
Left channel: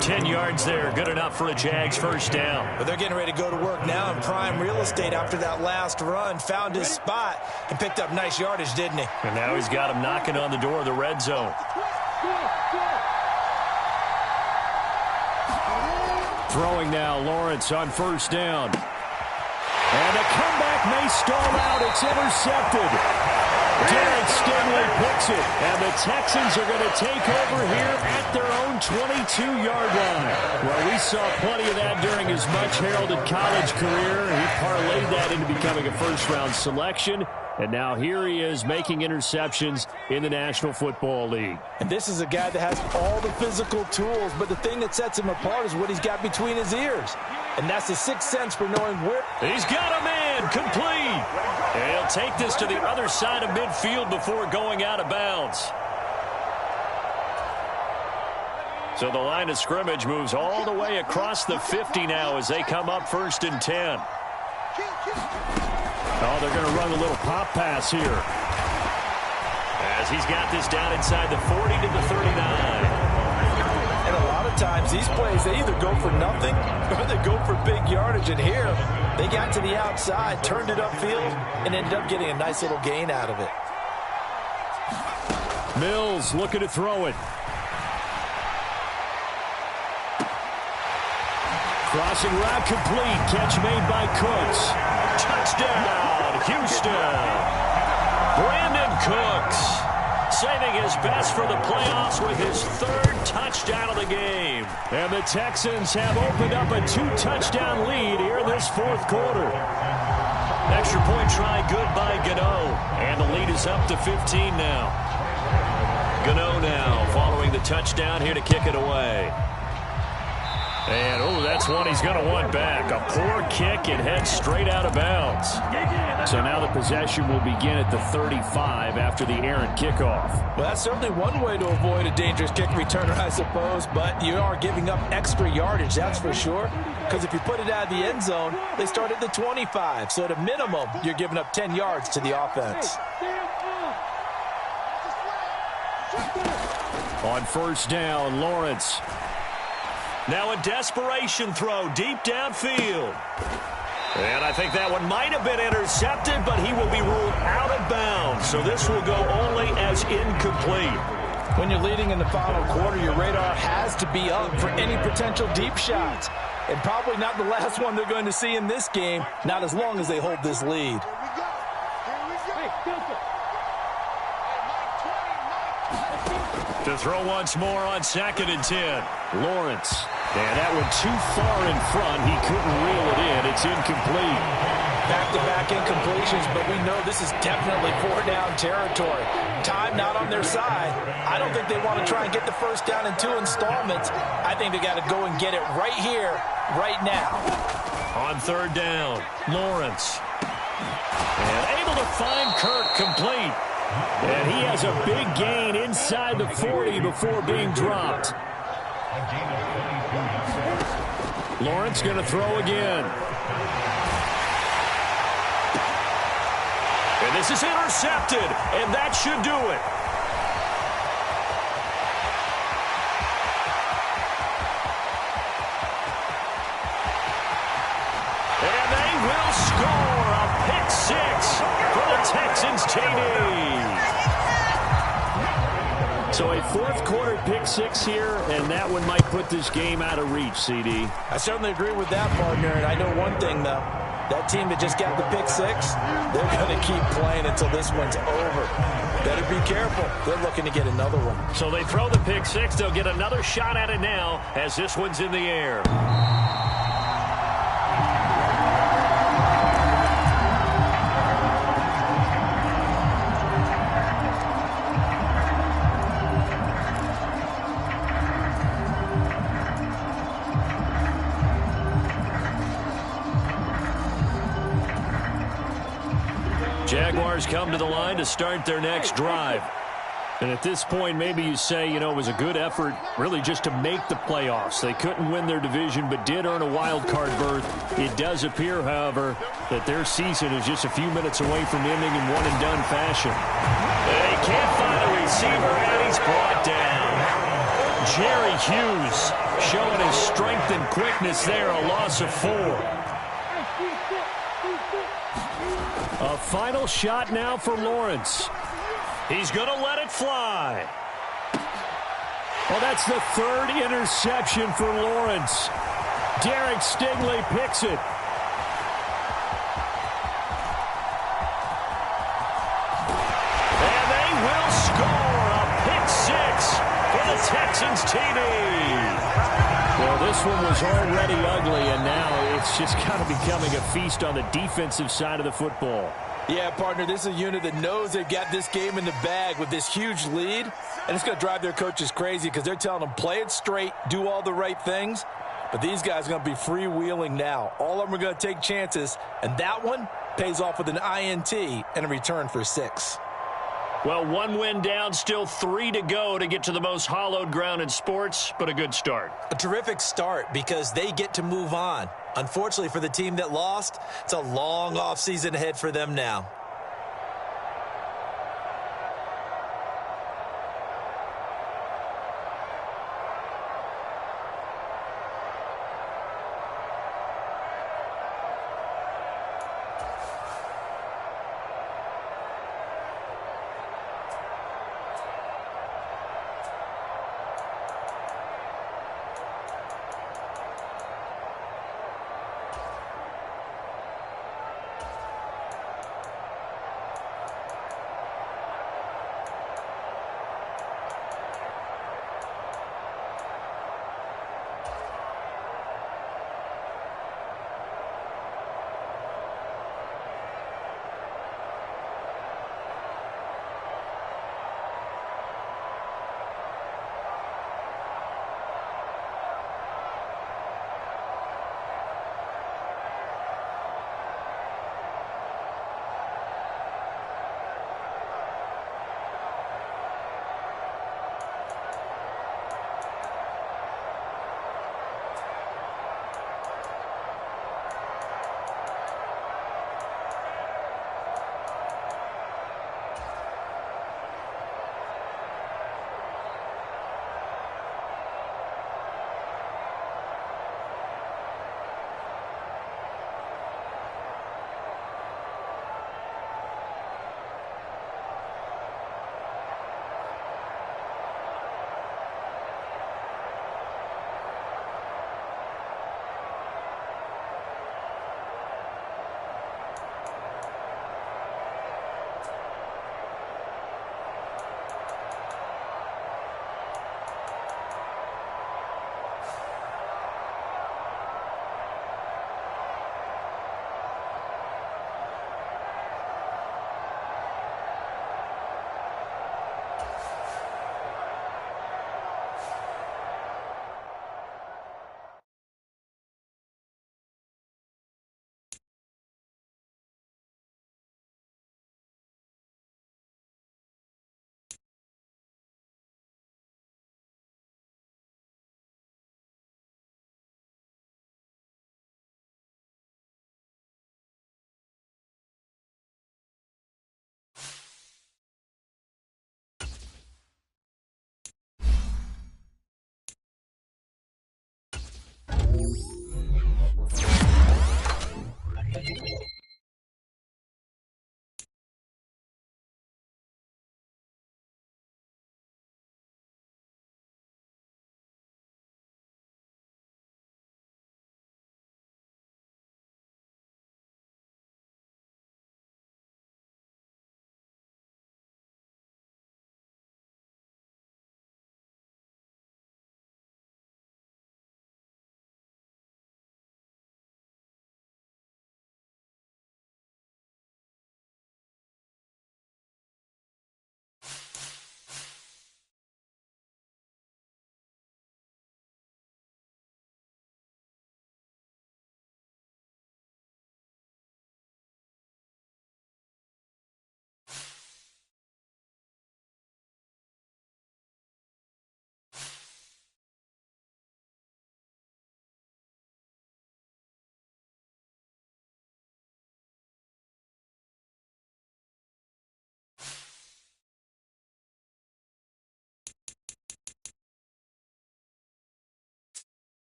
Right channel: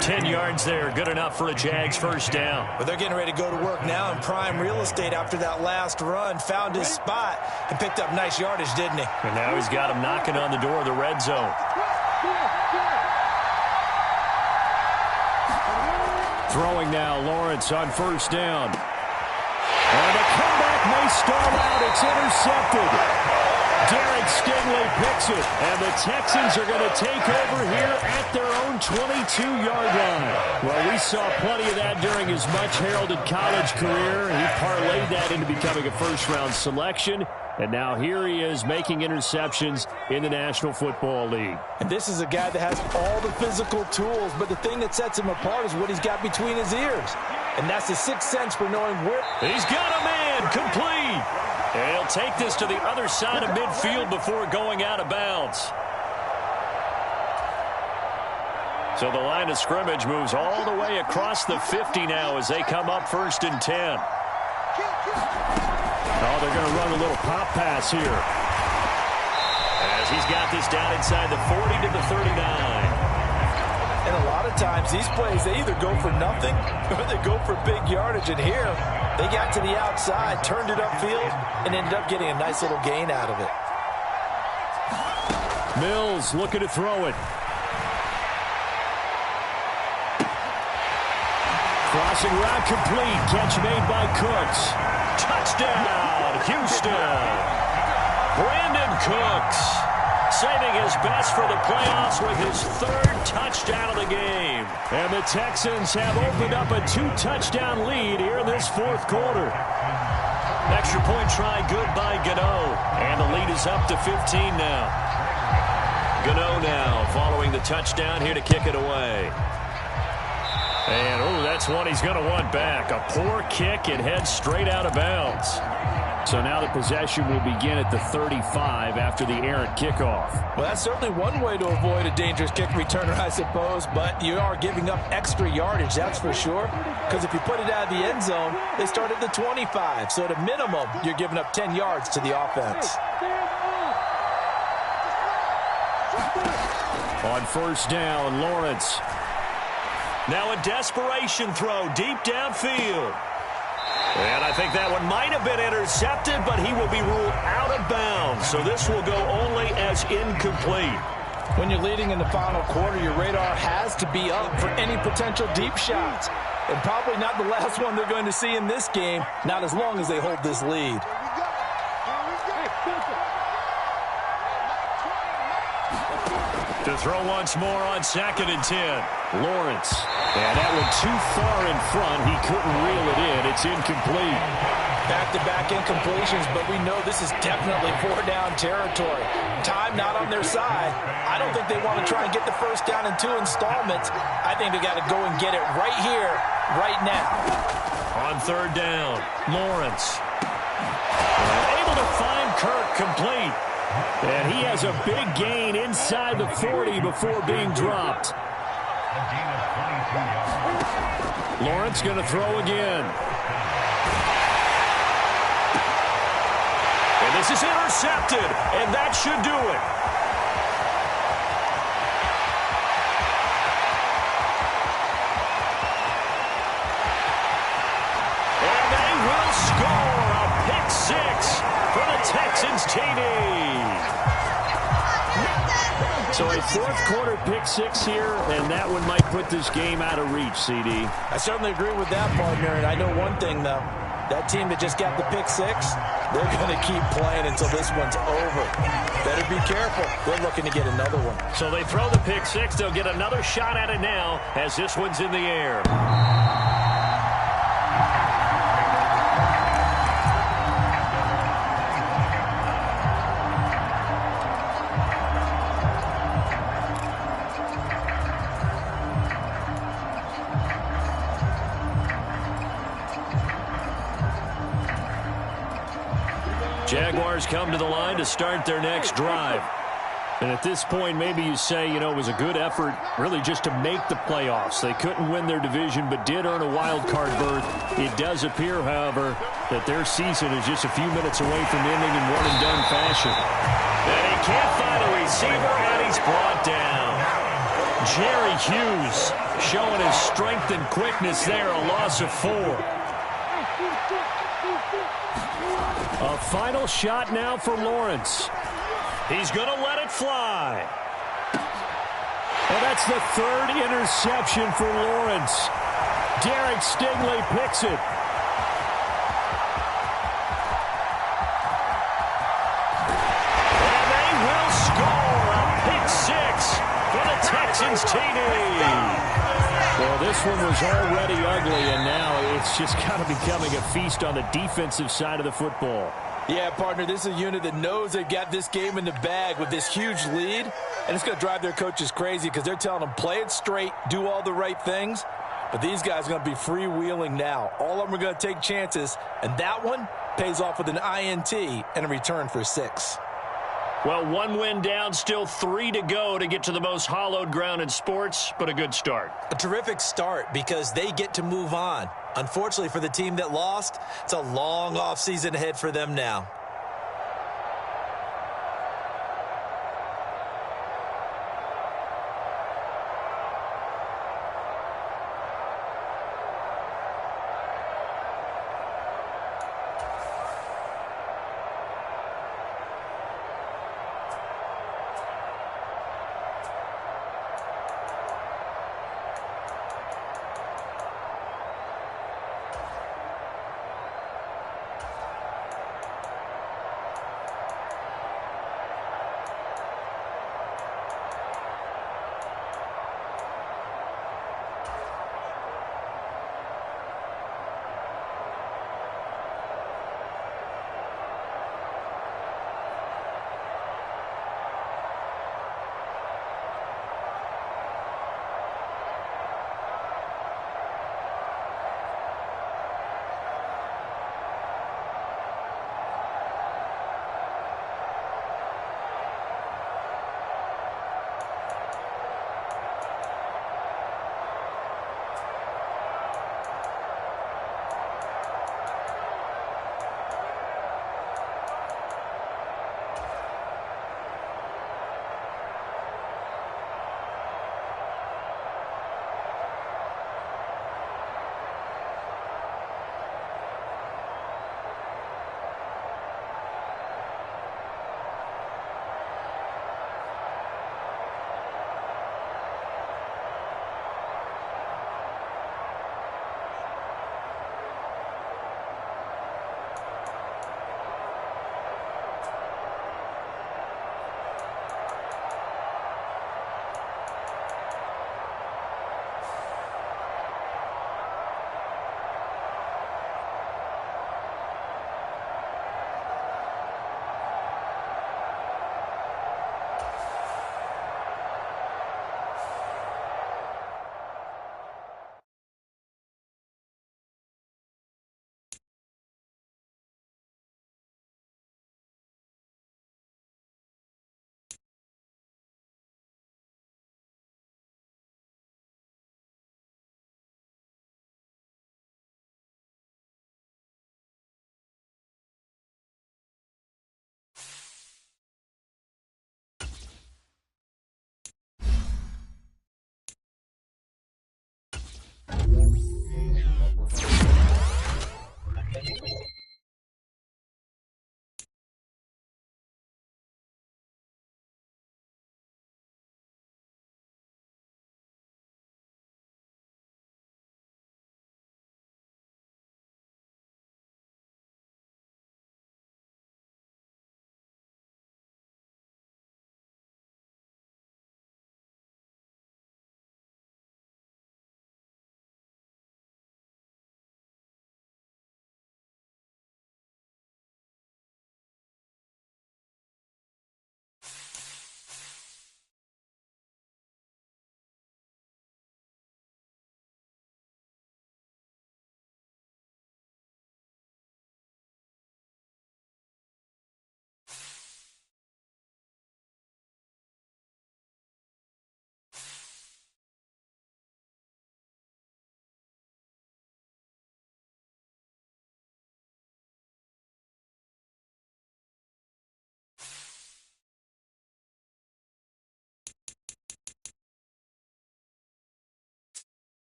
10 yards there, good enough for a Jags first down. But they're getting ready to go to work now in prime real estate after that last run. Found his spot and picked up nice yardage, didn't he? And now he's got him knocking on the door of the red zone. Throwing now, Lawrence on first down. And the comeback may stall out. It's intercepted. Derek Stingley picks it, and the Texans are going to take over here at their own 22-yard line. Well, we saw plenty of that during his much-heralded college career. He parlayed that into becoming a first-round selection, and now here he is making interceptions in the National Football League. And this is a guy that has all the physical tools, but the thing that sets him apart is what he's got between his ears. And that's the sixth sense for knowing where. He's got a man, complete. And he'll take this to the other side of midfield before going out of bounds. So the line of scrimmage moves all the way across the 50 now as they come up 1st and 10. Oh, they're going to run a little pop pass here. As he's got this down inside the 40 to the 39. And a lot of times these plays, they either go for nothing or they go for big yardage. And here, they got to the outside, turned it upfield, and ended up getting a nice little gain out of it. Mills looking to throw it. Crossing route complete. Catch made by Cooks. Touchdown, Houston. Brandon Cooks saving his best for the playoffs with his 3rd touchdown of the game. And the Texans have opened up a 2-touchdown lead here in this 4th quarter. Extra point try good by Gano. And the lead is up to 15 now. Gano now following the touchdown here to kick it away. And, oh, that's one he's going to want back. A poor kick and heads straight out of bounds. So now the possession will begin at the 35 after the errant kickoff. Well, that's certainly one way to avoid a dangerous kick returner, I suppose, but you are giving up extra yardage, that's for sure, because if you put it out of the end zone, they start at the 25. So at a minimum, you're giving up 10 yards to the offense. On first down, Lawrence. Now a desperation throw deep downfield. And I think that one might have been intercepted, but he will be ruled out of bounds. So this will go only as incomplete. When you're leading in the final quarter, your radar has to be up for any potential deep shots. And probably not the last one they're going to see in this game, not as long as they hold this lead. To throw once more on 2nd and 10. Lawrence. And that one too far in front. He couldn't reel it in. It's incomplete. Back-to-back incompletions, but we know this is definitely 4-down territory. Time not on their side. I don't think they want to try and get the first down in 2 installments. I think they got to go and get it right here, right now. On 3rd down, Lawrence. And able to find Kirk complete. And he has a big gain inside the 40 before being dropped. Lawrence going to throw again. And this is intercepted, and that should do it. And they will score a pick 6 for the Texans TD. So a 4th quarter pick 6 here, and that one might put this game out of reach, CD. I certainly agree with that, partner, and I know one thing, though. That team that just got the pick 6, they're going to keep playing until this one's over. Better be careful. They're looking to get another one. So they throw the pick 6. They'll get another shot at it now as this one's in the air. Jaguars come to the line to start their next drive. And at this point, maybe you say, it was a good effort really just to make the playoffs. They couldn't win their division but did earn a wild card berth. It does appear, however, that their season is just a few minutes away from ending in one-and-done fashion. And he can't find a receiver, and he's brought down. Jerry Hughes showing his strength and quickness there, a loss of 4. A final shot now for Lawrence. He's going to let it fly. Well, that's the 3rd interception for Lawrence. Derek Stingley picks it. And they will score a pick 6 for the Texans TD. Well, this one was already ugly, and now it's just kind of becoming a feast on the defensive side of the football. Yeah, partner, this is a unit that knows they've got this game in the bag with this huge lead, and it's going to drive their coaches crazy because they're telling them play it straight, do all the right things, but these guys are going to be freewheeling now. All of them are going to take chances, and that one pays off with an INT and a return for 6. Well, 1 win down, still 3 to go to get to the most hallowed ground in sports, but a good start. A terrific start because they get to move on. Unfortunately for the team that lost, it's a long offseason ahead for them now.